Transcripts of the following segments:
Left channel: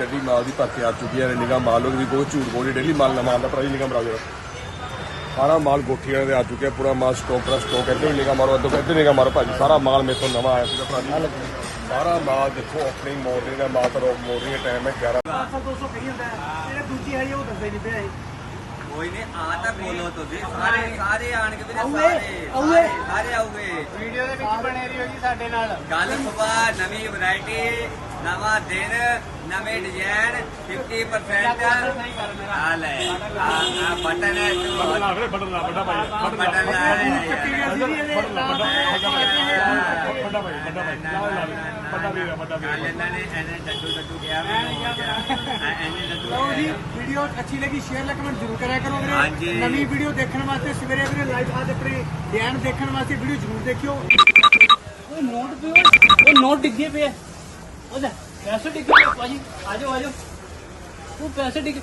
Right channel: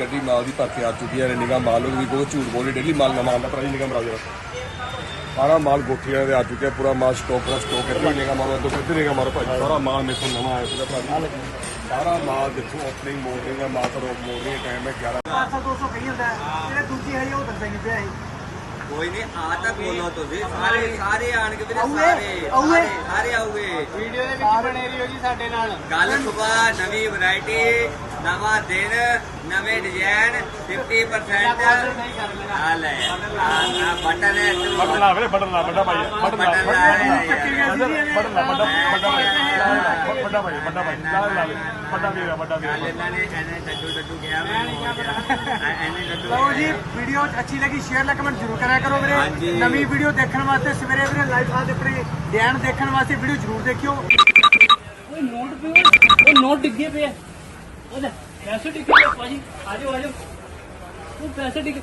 ਗੱਡੀ ਮਾਲ ਦੀ ਭਰ ਕੇ ਆ ਚੁੱਕੀ ਹੈ ਨਿਗਾਹ ਮਾਲ ਉਹਦੀ ਬਹੁਤ ਝੂਠ ਬੋਲੀ ਡੇਲੀ ਮਾਲ ਨਵਾਂ ਆਉਂਦਾ ਟਰਾਈ ਨਿਗਾਹ ਮਰਾ ਜਰਾ ਸਾਰਾ ਮਾਲ ਗੋਠੀਆਂ ਦੇ ਆ ਚੁੱਕਿਆ ਪੂਰਾ ਮਾਲ ਸਟਾਕ ਦਾ ਸਟਾਕ ਹੈ ਨਿਗਾਹ ਮਾਰੋ ਅੱਧੋ ਅੱਧੋ ਨਿਗਾਹ ਮਾਰੋ ਭਾਜੀ ਸਾਰਾ ਮਾਲ ਮੇਥੇ ਨਵਾਂ ਆਇਆ ਸੀਗਾ ਭਾਜੀ। ਸਾਰਾ ਮਾਲ ਦੇਖੋ ਓਪਨਿੰਗ ਮਾਰਨਿੰਗ ਦਾ ਮਾਲ ਤਰੋ ਮਾਰਨਿੰਗ ਟਾਈਮ ਹੈ 11 500 200 ਕਹੀ ਹੁੰਦਾ ਹੈ। ਜਿਹੜਾ ਦੂਜੀ ਹੈ ਉਹ ਦੱਸਦਾ ਹੀ ਨਹੀਂ ਪਿਆ। ਕੋਈ ਨਹੀਂ ਆ ਤਾਂ ਬੋਲੋ ਤੁਸੀਂ ਸਾਰੇ ਸਾਰੇ ਆਣਗੇ ਵੀਰੇ ਆਊਏ, ਸਾਰੇ। ਆਊਏ। ਸਾਰੇ ਆਊਗੇ। ਵੀਡੀਓ ਦੇ ਵਿੱਚ ਬਣੇ ਰਹੀਓ ਜੀ ਸਾਡੇ ਨਾਲ। ਕੱਲ ਸਵੇਰ ਨਵੀਂ ਵੈਰਾਈਟੀ ਨਵਾਂ ਦਿਨ ਨਵੇਂ ਡਿਜ਼ਾਈਨ 50% ਆ ਲੈ ਆ ਆ ਬਟਨ ਹੈ ਤੂੰ ਬਟਨ ਲਾ ਬਟਨ ਲਾ ਵੱਡਾ ਭਾਈ ਬਟਨ ਲਾ ਬਟਨ ਲਾ ਵੱਡਾ ਵੱਡਾ ਭਾਈ ਵੱਡਾ ਭਾਈ ਵੱਡਾ ਦੇ ਵੱਡਾ ਦੇ ਕੱਲ ਇਹਨਾਂ ਨੇ ਐਨੇ ਡੱਡੂ ਡੱਡੂ ਕਿਹਾ ਮੈਨੂੰ ਹੋ ਗਿਆ ਐਨੇ ਡੱਡੂ ਲਓ ਜੀ। ਵੀਡੀਓ ਅੱਛੀ ਲੱਗੀ ਸ਼ੇਅਰ ਲਾਈਕ ਕਮੈਂਟ ਜ਼ਰੂਰ ਕਰਿਆ ਕਰੋ। ਵੀਰੇ। ਨਵੀਂ ਵੀਡੀਓ ਦੇਖਣ ਵਾਸਤੇ ਸਵੇਰੇ ਵੀਰੇ ਲਾਈਵ ਆਜ ਆਪਣੇ ਡੈਨ ਦੇਖਣ ਵਾਸਤੇ ਵੀਡੀਓ ਜ਼ਰੂਰ ਦੇਖਿਓ। ਓਏ ਨੋਟ ਪਿਓ ਉਹ ਨੋਟ ਡਿੱਗੇ ਪਏ ਆ। ਉਹਦਾ ਪੈਸੇ ਡਿੱਗੇ ਪਏ ਆ, ਭਾਜੀ ਆਜੋ ਆਜੋ। ਉਹ ਪੈਸੇ ਡਿੱਗੇ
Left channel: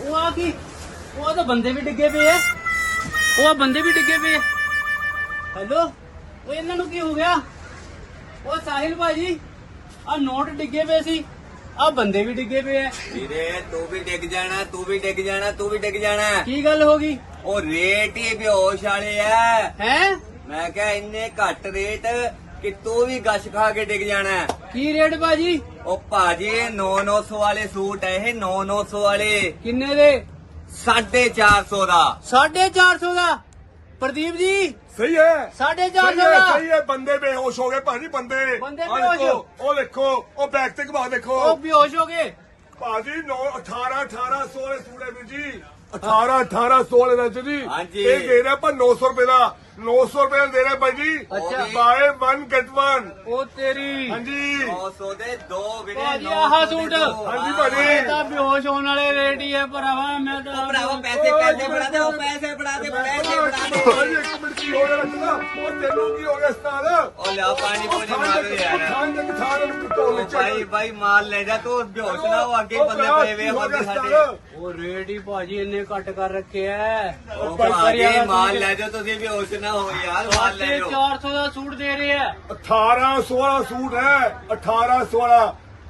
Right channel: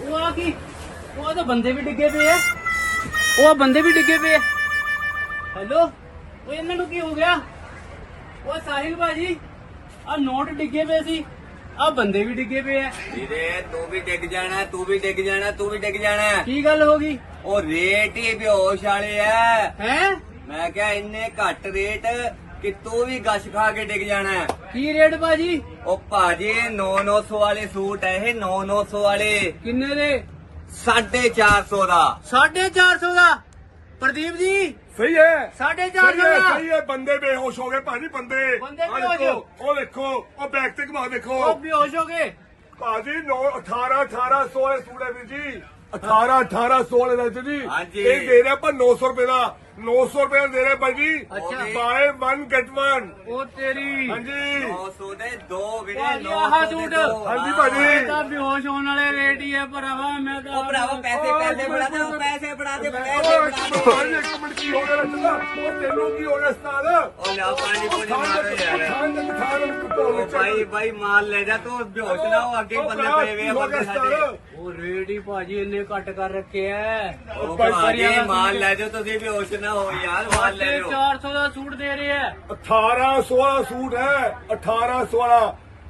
ਉਹ ਆ ਕੀ? ਉਹ ਤਾਂ ਬੰਦੇ ਵੀ ਡਿੱਗੇ ਪਏ ਆ। ਉਹ ਆਹ ਬੰਦੇ ਵੀ ਡਿੱਗੇ ਪਏ ਆ। ਹੈਲੋ? ਉਹ ਇਹਨਾਂ ਨੂੰ ਕੀ ਹੋ ਗਿਆ? ਉਹ ਸਾਹਿਲ ਭਾਜੀ ਆ ਨੋਟ ਡਿੱਗੇ ਪਏ ਸੀ। ਆ ਬੰਦੇ ਵੀ ਡਿੱਗੇ ਪਏ ਆ। ਵੀਰੇ ਤੂੰ ਵੀ ਡਿੱਗ ਜਾਣਾ ਤੂੰ ਵੀ ਡਿੱਗ ਜਾਣਾ ਤੂੰ ਵੀ ਡਿੱਗ ਜਾਣਾ। ਕੀ ਗੱਲ ਹੋ ਗਈ? ਉਹ ਰੇਟ ਹੀ ਬੇਹੋਸ਼ ਵਾਲੇ ਆ। ਹੈ? ਮੈਂ ਕਿਹਾ ਇੰਨੇ ਘੱਟ ਰੇਟ ਕਿ ਤੂੰ ਵੀ ਗਸ਼ ਖਾ ਕੇ ਡਿੱਗ ਜਾਣਾ ਕੀ ਰੇਟ ਭਾਜੀ? ਉਹ ਭਾਜੀ 9-900 ਵਾਲੇ ਸੂਟ ਹੈ ਇਹ 9-900 ਵਾਲੇ। ਕਿੰਨੇ ਦੇ? 450 ਦਾ। 450 ਦਾ? ਪ੍ਰਦੀਪ ਜੀ? ਸਹੀ ਹੈ। 450 ਸਹੀ ਹੈ ਦਾ? ਸਹੀ ਹੈ। ਬੰਦੇ ਬੇਹੋਸ਼ ਹੋ ਗਏ ਭਾਜੀ ਬੰਦੇ। ਬੰਦੇ ਆਹ ਬੇਹੋਸ਼ ਦੇਖੋ, ਉਹ ਦੇਖੋ ਉਹ ਬੈਕ ਤੇ ਘੁਮਾ ਦੇਖੋ। ਉਹ ਬੇਹੋਸ਼ ਹੋ ਗਏ। ਭਾਜੀ 9 18 18 16 ਸੂੜੇ ਵੀਰ ਜੀ। 18 18 16 ਦਾ ਜੀ। ਹਾਂਜੀ। ਇਹ ਦੇ ਰਿਹਾ ਪਰ 900 ਰੁਪਏ ਦਾ। 900 ਰੁਪਏ ਦਾ ਰਿਹਾ ਭਾਈ ਜੀ। ਬਾਏ 1 ਗੈਟ 1 ਉਹ ਤੇਰੀ। ਹਾਂਜੀ। 900 ਦੇ ਦੋ ਵੀਰੇ ਭਾਜੀ 900 ਆਹ ਦੇ ਸੂਟ। ਹਾਂਜੀ ਭਾਜੀ। ਤਾਂ ਬੇਹੋਸ਼ ਹੋਣ ਵਾਲੇ ਰੇਟ ਹੀ ਹੈ ਭਰਾਵਾ ਮੈਂ ਤਾਂ ਉਹ ਭਰਾਵਾ ਪੈਸੇ ਪੈਸੇ ਫੜਾ ਦੇ ਉਹ ਪੈਸੇ ਫੜਾ ਦੇ ਪੈਸੇ ਭਾਜੀ ਦੇ ਇੱਕ ਮਿੰਟ ਕੀ ਹੋ ਗਿਆ ਰੱਖਣਾ ਉਹ ਤੈਨੂੰ ਕੀ ਹੋ ਗਿਆ ਉਸਤਾਦ? ਉਹ ਲਿਆ ਪਾਣੀ ਪੂਣੀ ਮਾਰੋ ਯਾਰ। ਖਾਣ ਦੇ ਖਾਣ ਦੇ ਕੁੱਤੋਂ ਵਿੱਚ। ਭਾਈ ਭਾਈ ਮਾਲ ਲੈ ਜਾ ਤੂੰ ਬੇਹੋਸ਼ ਨਾ ਹੋ ਅੱਗੇ ਬੰਦੇ ਪਏ ਵੇ ਉਹ ਰੇਟ ਹੀ ਭਾਜੀ ਇੰਨੇ ਘੱਟ ਕਰ ਰੱਖੇ ਐ। ਉਹ ਭਾਜੀ ਮਾਲ ਲੈ ਜਾਓ ਤੁਸੀਂ ਬੇਹੋਸ਼ ਨਾ ਹੋ ਯਾਰ ਮਾਲ ਲੈ ਜਾਓ 400 ਦਾ ਸੂਟ ਦੇ ਰਹੇ ਐ 18 16 ਸੂਟ ਹੈ 18 16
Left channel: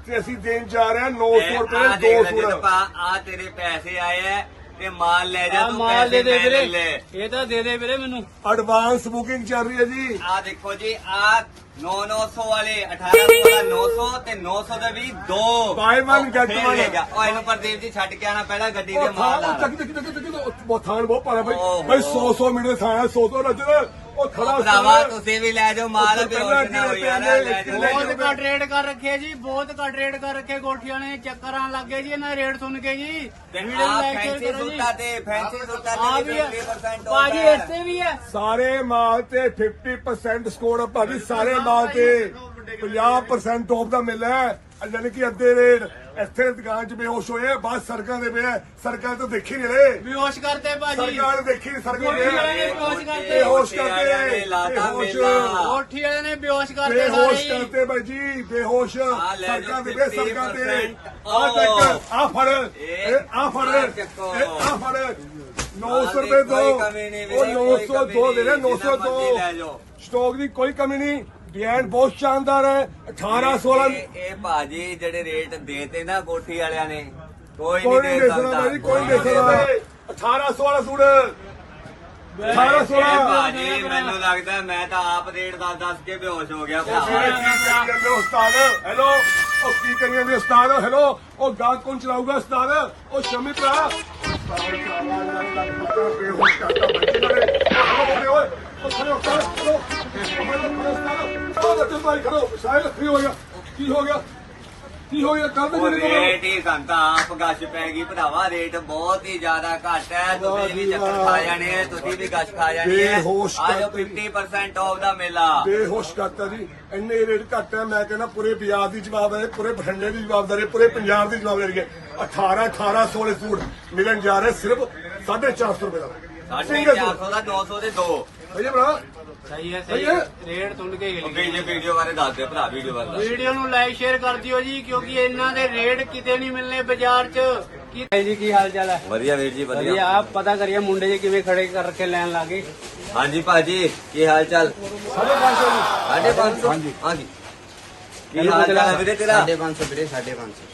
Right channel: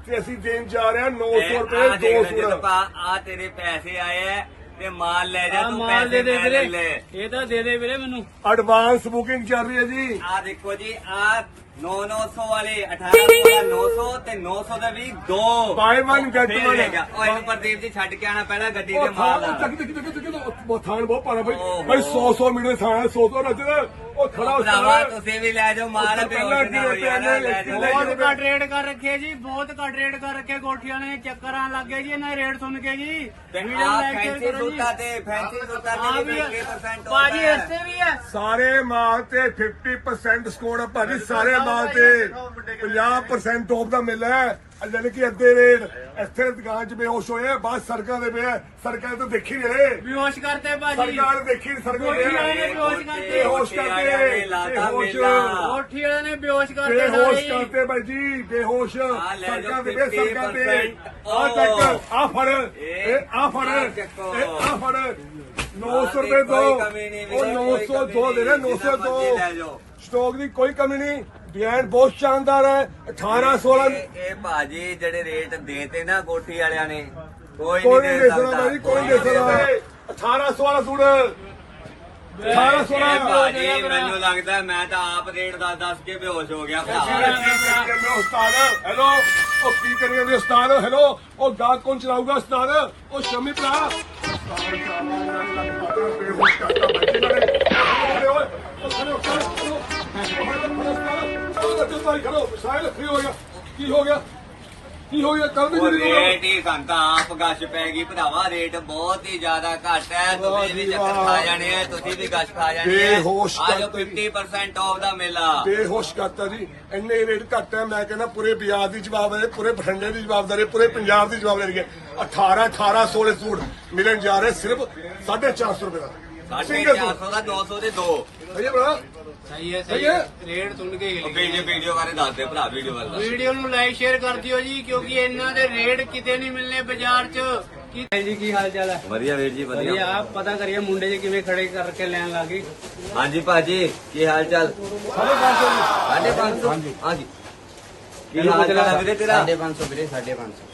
ਤੇ ਅਸੀਂ ਦੇਣ ਜਾ ਰਹੇ ਹਾਂ 900 ਰੁਪਏ ਦੋ ਸੂਟ ਆ ਤੇਰੇ ਪੈਸੇ ਆਏ ਐ ਤੇ ਮਾਲ ਲੈ ਜਾ ਤੂੰ ਮਾਲ ਦੇ ਪੈਸੇ ਦੇ ਲੈ ਵੀਰੇ। ਲੈ। ਇਹ ਤਾਂ ਦੇ ਦੇ ਵੀਰੇ ਮੈਨੂੰ। ਐਡਵਾਂਸ ਬੁਕਿੰਗ ਚੱਲ ਰਹੀ ਹੈ ਜੀ। ਆ ਦੇਖੋ ਜੀ ਆ 9-900 ਵਾਲੇ 18 ਵਾਲਾ 900 ਤੇ 900 ਦਾ ਵੀ ਦੋ। Buy one, get ਫੇਰ one. ਲੈ ਜਾ। ਉਹ ਇਹਨੂੰ ਪ੍ਰਦੀਪ ਜੀ ਛੱਡ ਕੇ ਆਣਾ ਪਹਿਲਾਂ ਗੱਡੀ ਉਹ ਦੇ ਥਾਂ ਮਾਲ ਉਹ ਚੱਕ ਚੱਕ ਚੱਕ ਚੱਕ ਉਹ ਥਾਨ ਬਹੁਤ ਪਾਣਾ ਭਾਈ। ਓਹ। ਭਾਈ ਹੋ। 100 100 ਮੀਟਰ ਥਾਂ 100 100 ਨਜ਼ਰ ਉਹ ਖੜਾ ਉਹ ਭਰਾਵਾ ਉਸਤਾਦ ਤੁਸੀਂ ਵੀ ਲੈ ਜਾਓ ਮਾਲ ਉੱਥੇ ਤੇ ਪਹਿਲਾਂ ਨਾ ਹੋ ਕਿਵੇਂ ਯਾਰ ਪਿਆ ਲੈ ਜਾਓ। ਲੈ ਬਹੁਤ ਜਾਓ ਘੱਟ ਰੇਟ ਕਰ ਰੱਖੇ ਜੀ ਬਹੁਤ ਘੱਟ ਰੇਟ ਕਰ ਰੱਖੇ ਗੋਠੀਆਂ ਨੇ ਚੱਕਰਾਂ ਲੱਗ ਗਏ ਜੀ ਇਹਨਾਂ ਦੇ ਰੇਟ ਸੁਣ ਕੇ ਜੀ। ਵੀਡੀਓ ਆ ਲਾਈਕ ਫੈਂਸੀ ਕਰੋ ਜੀ। ਸੂਟਾਂ ਤੇ ਫੈਂਸੀ ਸੂਟਾਂ ਆ ਤੇ ਵੀ ਵੀ ਹੈ 20% ਭਾਜੀ ਹੁੰਦਾ ਇੱਥੇ ਵੀ ਹੈ ਸਾਰੇ ਮਾਲ ਤੇ 50% ਸਕੋਰ ਆ ਭਾਜੀ ਸਾਰੇ ਮਾਲ ਤੇ 50% ਆਫ ਦਾ ਮਿਲ ਹੈ ਯਾਨੀ ਕਿ ਅੱਧੇ ਰੇਟ। ਇੱਥੇ ਦੁਕਾਨ 'ਚ ਬੇਹੋਸ਼ ਹੋਏ ਆ, ਬਾਹਰ ਸੜਕਾਂ ਦੇ ਪਏ। ਸੜਕਾਂ ਤੇ ਦੇਖੀ ਨਹੀਂ ਰਹੇ। ਬੇਹੋਸ਼ ਕਰਤੇ ਭਾਜੀ। ਸਰਕਾਰ ਦੇਖੀ ਨੀ, ਸੜਕਾਂ ਤੇ ਗੋਠੀ ਵਾਲੇ ਨੇ ਬੇਹੋਸ਼ ਕਰਤੇ। ਬੇਹੋਸ਼ ਲਾਤਾ ਬੇਹੋਸ਼। ਮੇਲਾ। ਗੋਠੀ ਵਾਲੇ ਨੇ ਬੇਹੋਸ਼ ਕਰਤੇ ਸਾਰੇ ਬੇਹੋਸ਼ ਜੀ ਕਰਤੇ ਬਾਈ ਜੀ ਬੇਹੋਸ਼। ਆ ਲੈ ਸੜਕਾਂ ਜਾਓ ਤੇ ਪਏ ਸੜਕਾਂ ਤੇ 50% ਆ ਚੱਕ ਆ ਫੜ। ਇਹ ਆ ਫੜ। ਆਹ ਚੱਕੋ। ਇਹ ਆ ਫੜ। 900 ਆਹ ਰੁਪਏ ਦੀ ਦੋ। ਕੋਈ ਕਮੀ ਨਹੀਂ ਉਹ ਵੀਰੇ, ਕੋਈ 902 ਕਮੀ ਦੇ ਰਹੇ ਨਹੀਂ, 902 ਜਿੰਨਾ ਮਰਜ਼ੀ ਲੈ ਜਾਓ। ਸਟਾਕ ਦੀ ਕੋਈ ਕਮੀ ਨਹੀਂ। ਡਿਜ਼ਾਈਨ ਬਹੁਤ ਸ਼ਾਨਦਾਰ ਹੈ 18 16 ਇਹ ਇਹ ਭਾਜੀ ਜਿਹੜੇ ਰੇਟ ਦੇਤੇ ਨਾ ਕੋਠੀ ਵਾਲਿਆਂ ਨੇ ਕੋਈ ਕੋਈ ਨਹੀਂ ਨਹੀਂ ਦੇ ਸਕਦਾ ਸਕਦਾ ਬਾਈ ਕੋਈ ਨਹੀਂ ਦੇ ਸਕਦਾ 18 16 ਸੂਟ 18 ਇਹ 16 ਭਾਜੀ ਮੈਨੂੰ ਲੱਗਦਾ ਮੈਂ ਤਾਂ ਆਪ ਰੇਟ ਦੱਸ ਦੱਸ ਕੇ ਬੇਹੋਸ਼ ਹੋ ਗਿਆ ਉਸਤਾਦ ਹੈਲੋ ਉਹ ਕੀ ਕਰੀ ਜਾਂਦੇ ਉਸਤਾਦ ਹੈਲੋ ਉਹ ਗਾਹ ਕੌਣ ਚਲਾਊਗਾ ਉਸਤਾਦ ਉਹ ਸ਼ਮੀ ਭਰਾ ਕੀ ਹੋ ਗਿਆ ਕੀ ਹੋ ਗਿਆ ਕੱਲ ਉਹ ਦੇ ਰੇਟ ਹੀ ਸੰਤਾ ਆਪ ਗਸ਼ ਪੈ ਗਈ ਭਰਾਵਾ ਰੇਟ ਬਹੁਤ ਹੀ ਜ਼ਿਆਦਾ ਘੱਟ ਹੈ ਤੁਸੀਂ ਵੀ ਚੱਕਰ ਖਾ ਜਾਣੇ ਆ ਤੁਸੀਂ ਵੀ ਗਸ਼ ਖਾ ਜਾਣੀ ਹੈ ਬੇਹੋਸ਼ ਆ ਜਾਓ 50% ਆਫ ਦਾ ਮੇਲਾ ਬੇਹੋਸ਼ ਕਰਤਾ ਜੀ ਇੰਨੇ ਰੇਟ ਘੱਟ ਹੈ ਮੈਂ ਕਹਿੰਦਾ ਪੂਰੇ ਬਿਆਰ ਦੀ ਜਵਾਬਦਾਰੀ ਪੂਰੇ ਬਠਿੰਡੇ ਦੀ ਜਵਾਬਦਾਰੀ ਪੂਰੇ ਪੰਜਾਬ ਦੀ ਜਵਾਬਦਾਰੀ ਹੈ 18 18 16 ਸੂਟ ਮਿਲਣ ਜਾ ਰਹੇ ਸਿਰਫ 450 ਰੁਪਏ ਦਾ ਸਿੰਗਲ ਸੂਟ 450 ਦਾ 900 ਦੇ ਦੋ ਭਈਆ ਭਰਾ ਸਹੀ ਹੈ ਸਹੀ ਹੈ। ਰੇਟ ਸੁਣ ਕੇ ਵੀਡੀਓ ਵੀਡੀਓ ਬਾਰੇ ਦੱਸ ਦੇ ਭਰਾ ਵੀਡੀਓ ਬਾਰੇ ਦੱਸ ਵੀਡੀਓ ਨੂੰ ਲਾਈਕ ਸ਼ੇਅਰ ਕਰ ਦਿਓ ਜੀ ਕਿਉਂਕਿ ਇਹਨਾਂ ਦੇ ਰੇਟ ਕਿਤੇ ਨਹੀਂ ਮਿਲਨੇ ਬਾਜ਼ਾਰ 'ਚ। ਕੀ ਜੀ ਕੀ ਹਾਲ ਚਾਲ ਹੈ? ਵਧੀਆ ਵੀਰ ਜੀ ਵਧੀਆ। ਆਪ ਪਤਾ ਕਰੀਏ ਮੁੰਡੇ ਜੀ ਕਿਵੇਂ ਖੜੇ ਕਰਕੇ ਲੈਣ ਲੱਗੇ ਹਾਂਜੀ ਭਾਜੀ ਕੀ ਹਾਲ ਚਾਲ? 550 ਹਾਂਜੀ। ਹਾਂਜੀ। ਕੀ ਹਾਲ ਚਾਲ ਹੈ ਵੀਰੇ ਤੇਰਾ? 550 ਵੀਰੇ 550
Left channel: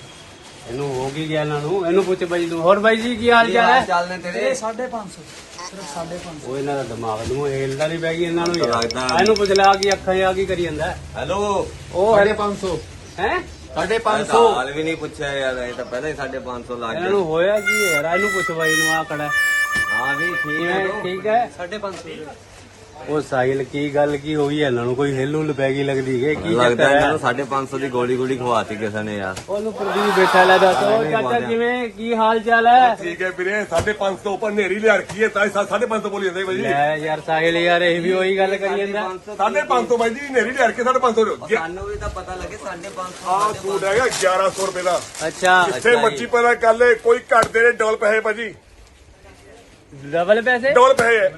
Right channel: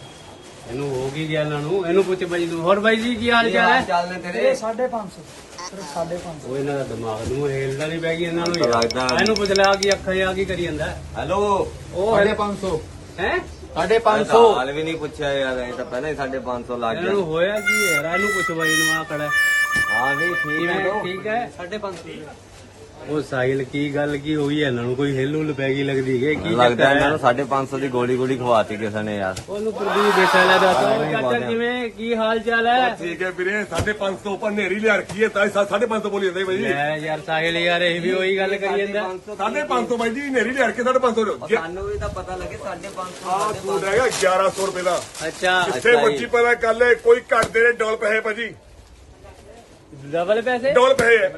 ਇਹਨੂੰ ਹੋ ਗਈ ਗਿਆ ਇਹਨਾਂ ਨੂੰ ਇਹਨੂੰ ਪੁੱਛ ਬਾਈ ਨੂੰ ਹੋਰ ਬਾਈ ਜੀ ਕੀ ਹਾਲ ਚਾਲ ਹੈ? ਚੱਲ ਨੇ ਤੇਰੇ? 550 ਸਿਰਫ 550 ਉਹ ਇਹਨਾਂ ਦਾ ਦਿਮਾਗ ਨੂੰ ਹਿਲਦਾ ਨਹੀਂ ਗਈ ਇਹਨਾਂ ਨੂੰ ਯਾਰ। ਲੱਗਦਾ। ਇਹਨੂੰ ਪੁੱਛ ਲਿਆ ਕਿ ਅੱਖਾਂ ਆ ਕੀ ਕਰੀ ਜਾਂਦਾ। ਹੈਲੋ ਉਹ ਹੈ? 500 ਹੈ ਸਾਡੇ 500 ਹਾਲ ਵੀ ਨਹੀਂ ਪੁੱਛਿਆ ਯਾਰ ਇਹ ਤਾਂ ਪਹਿਲਾਂ ਹੀ ਸਾਡੇ 500 ਲੱਗ ਇਹਨਾਂ ਨੂੰ ਹੋਇਆ ਕੀ ਹੈ ਯਾਰ? ਇਹਨੂੰ ਪੁੱਛ ਬਾਈ ਨੂੰ ਆ ਖੜਾ। ਹਾਂ ਵੀ ਠੀਕ ਹੈ ਠੀਕ ਹੈ? 550 ਉਹ ਸਾਹਿਲ ਕੀ ਗੱਲ ਕੀ ਹੋਈ ਹੈ ਇਹਨਾਂ ਨੂੰ ਕੋਈ ਹਿੱਲ ਹੁੱਲ ਪੈ ਗਈ ਲੱਗਦੀ ਹੈ ਕੀ ਲੱਗਦਾ ਚੱਕਰ ਇਹਨਾਂ ਹੈ ਨੂੰ 550 ਦੀ ਗੋਲੀ ਗੋਲੀ ਖਵਾਤੀ ਕਿਸੇ ਨੇ ਯਾਰ। ਉਹਨੂੰ ਪ੍ਰਦੀਪ ਬੈਠਾ ਲੈ ਦੱਸ। ਉਹ ਚਾਚਾ ਕਿਵੇਂ? ਕੀ ਹਾਲ ਚਾਲ ਹੈ ਠੀਕ ਹੈ ਵੀਰੇ 550 ਉੱਪਰ ਨੇਰੀ ਲਿਆ ਰੱਖੀ ਹੈ ਤਾਂ 550 ਬੋਲੀ ਜਾਂਦੇ ਬਾਈ ਜੀ। ਲੈ ਯਾਰ ਸਾਹਿਲ ਯਾਰ ਇਹ ਵੀ ਉਹੀ ਗੱਲ ਕਰੀ ਜਾਂਦਾ। 550 ਬਾਈ ਜੀ ਨੇਰੀ ਲਿਆ ਰੱਖੀ 550 ਦਿਓ ਸਾਨੂੰ ਵੀ ਤਾਂ ਪਤਾ ਲੱਗੇ 550 ਆਹ ਸੂਟ ਹੈਗਾ 1100 ਰੁਪਏ ਦਾ। ਅੱਛਾ ਜਿੱਥੇ ਮੱਛੀ ਪੈਦਾ ਕਰ ਲੈ ਕੋਈ ਘੱਟ ਦੇ ਡਬਲ ਪੈਸੇ ਭਾਜੀ। ਡਬਲ ਪੈਸੇ? ਡਬਲ ਪੈਸੇ। ਹੈ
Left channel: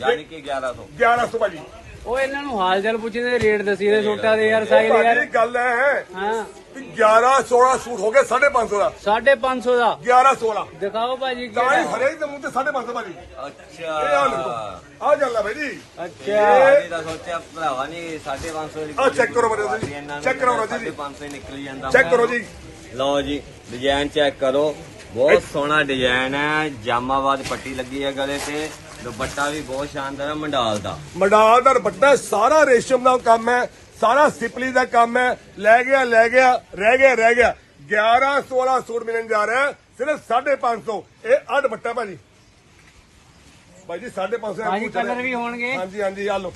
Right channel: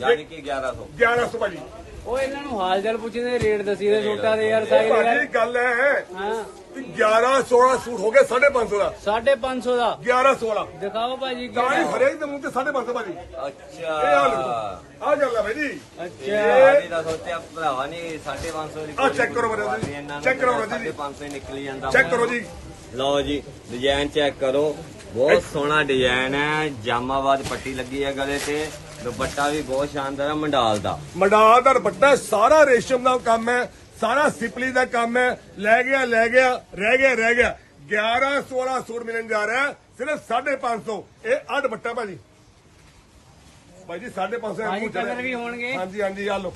ਯਾਨੀ ਕਿ 1100 1100 ਭਾਜੀ। ਉਹ ਇਹਨਾਂ ਨੂੰ ਹਾਲ ਚਾਲ ਪੁੱਛਦੇ ਰੇਟ ਦਸੀ ਦੇ ਸੂਟਾਂ ਦੇ ਯਾਰ ਇਹ ਸਾਹਿਲ ਭਾਜੀ ਯਾਰ। ਗੱਲ ਹੈ ਹਾਂ। ਵੀ 11 16 ਸੂਟ ਹੋ ਗਏ 550 ਦਾ। 550 ਦਾ। 11 16 ਦਿਖਾਓ ਭਾਜੀ ਤਾਂ ਹੀ ਹਰੇਕ ਦੇ ਮੂੰਹ ਤੇ 550 ਭਾਜੀ। ਅੱਛਾ। ਇਹ ਆ ਲਓ। ਆ ਗੱਲ ਹੈ ਭਾਈ ਜੀ ਅੱਛਾ। ਇਹ ਤਾਂ ਸੋਚਿਆ ਭਰਾਵਾ ਨਹੀਂ 550 ਦੀ ਆਹ check ਕਰੋ ਮੇਰੇ ਜੀ, check ਕਰੋ ਰਾਜੂ ਜੀ। 550 ਹੀ ਨਿਕਲੀ ਜਾਂਦਾ ਚੈੱਕ ਕਰੋ ਜੀ। ਲਓ ਜੀ ਡਿਜ਼ਾਈਨ ਚੈੱਕ ਕਰੋ। ਬਹੁਤ ਸੋਹਣਾ ਡਿਜ਼ਾਈਨ ਹੈ। ਜਾਮਾਬਾਦ ਪੱਟੀ ਲੱਗੀ ਹੈ ਗਲੇ ਤੇ। ਦੁਪੱਟਾ ਵੀ ਬਹੁਤ ਸ਼ਾਨਦਾਰ ਹੈ ਮੰਡਾਲ ਦਾ। ਮੰਡਾਲ ਦਾ ਦੁਪੱਟਾ ਸਾਰਾ ਰੇਸ਼ਮ ਦਾ ਕੰਮ ਹੈ ਸਾਰਾ ਸਿਪਲੀ ਦਾ ਕੰਮ ਹੈ। ਲੈ ਗਿਆ ਲੈ ਗਿਆ ਰਹਿ ਗਿਆ ਰਹਿ ਗਿਆ। 11 16 ਸੂਟ ਮਿਲਣ ਜਾ ਰਿਹਾ ਸਿਰਫ 550 ਇਹ ਆ ਦੁਪੱਟਾ ਭਾਜੀ। ਭਾਈ ਜੀ 550 ਦਾ ਭਾਈ ਮੂੰਹ ਕਲਰ ਚੜਿਆ ਵੀ ਹੋਣਗੇ। ਹਾਂਜੀ ਹਾਂਜੀ ਆ ਲਓ।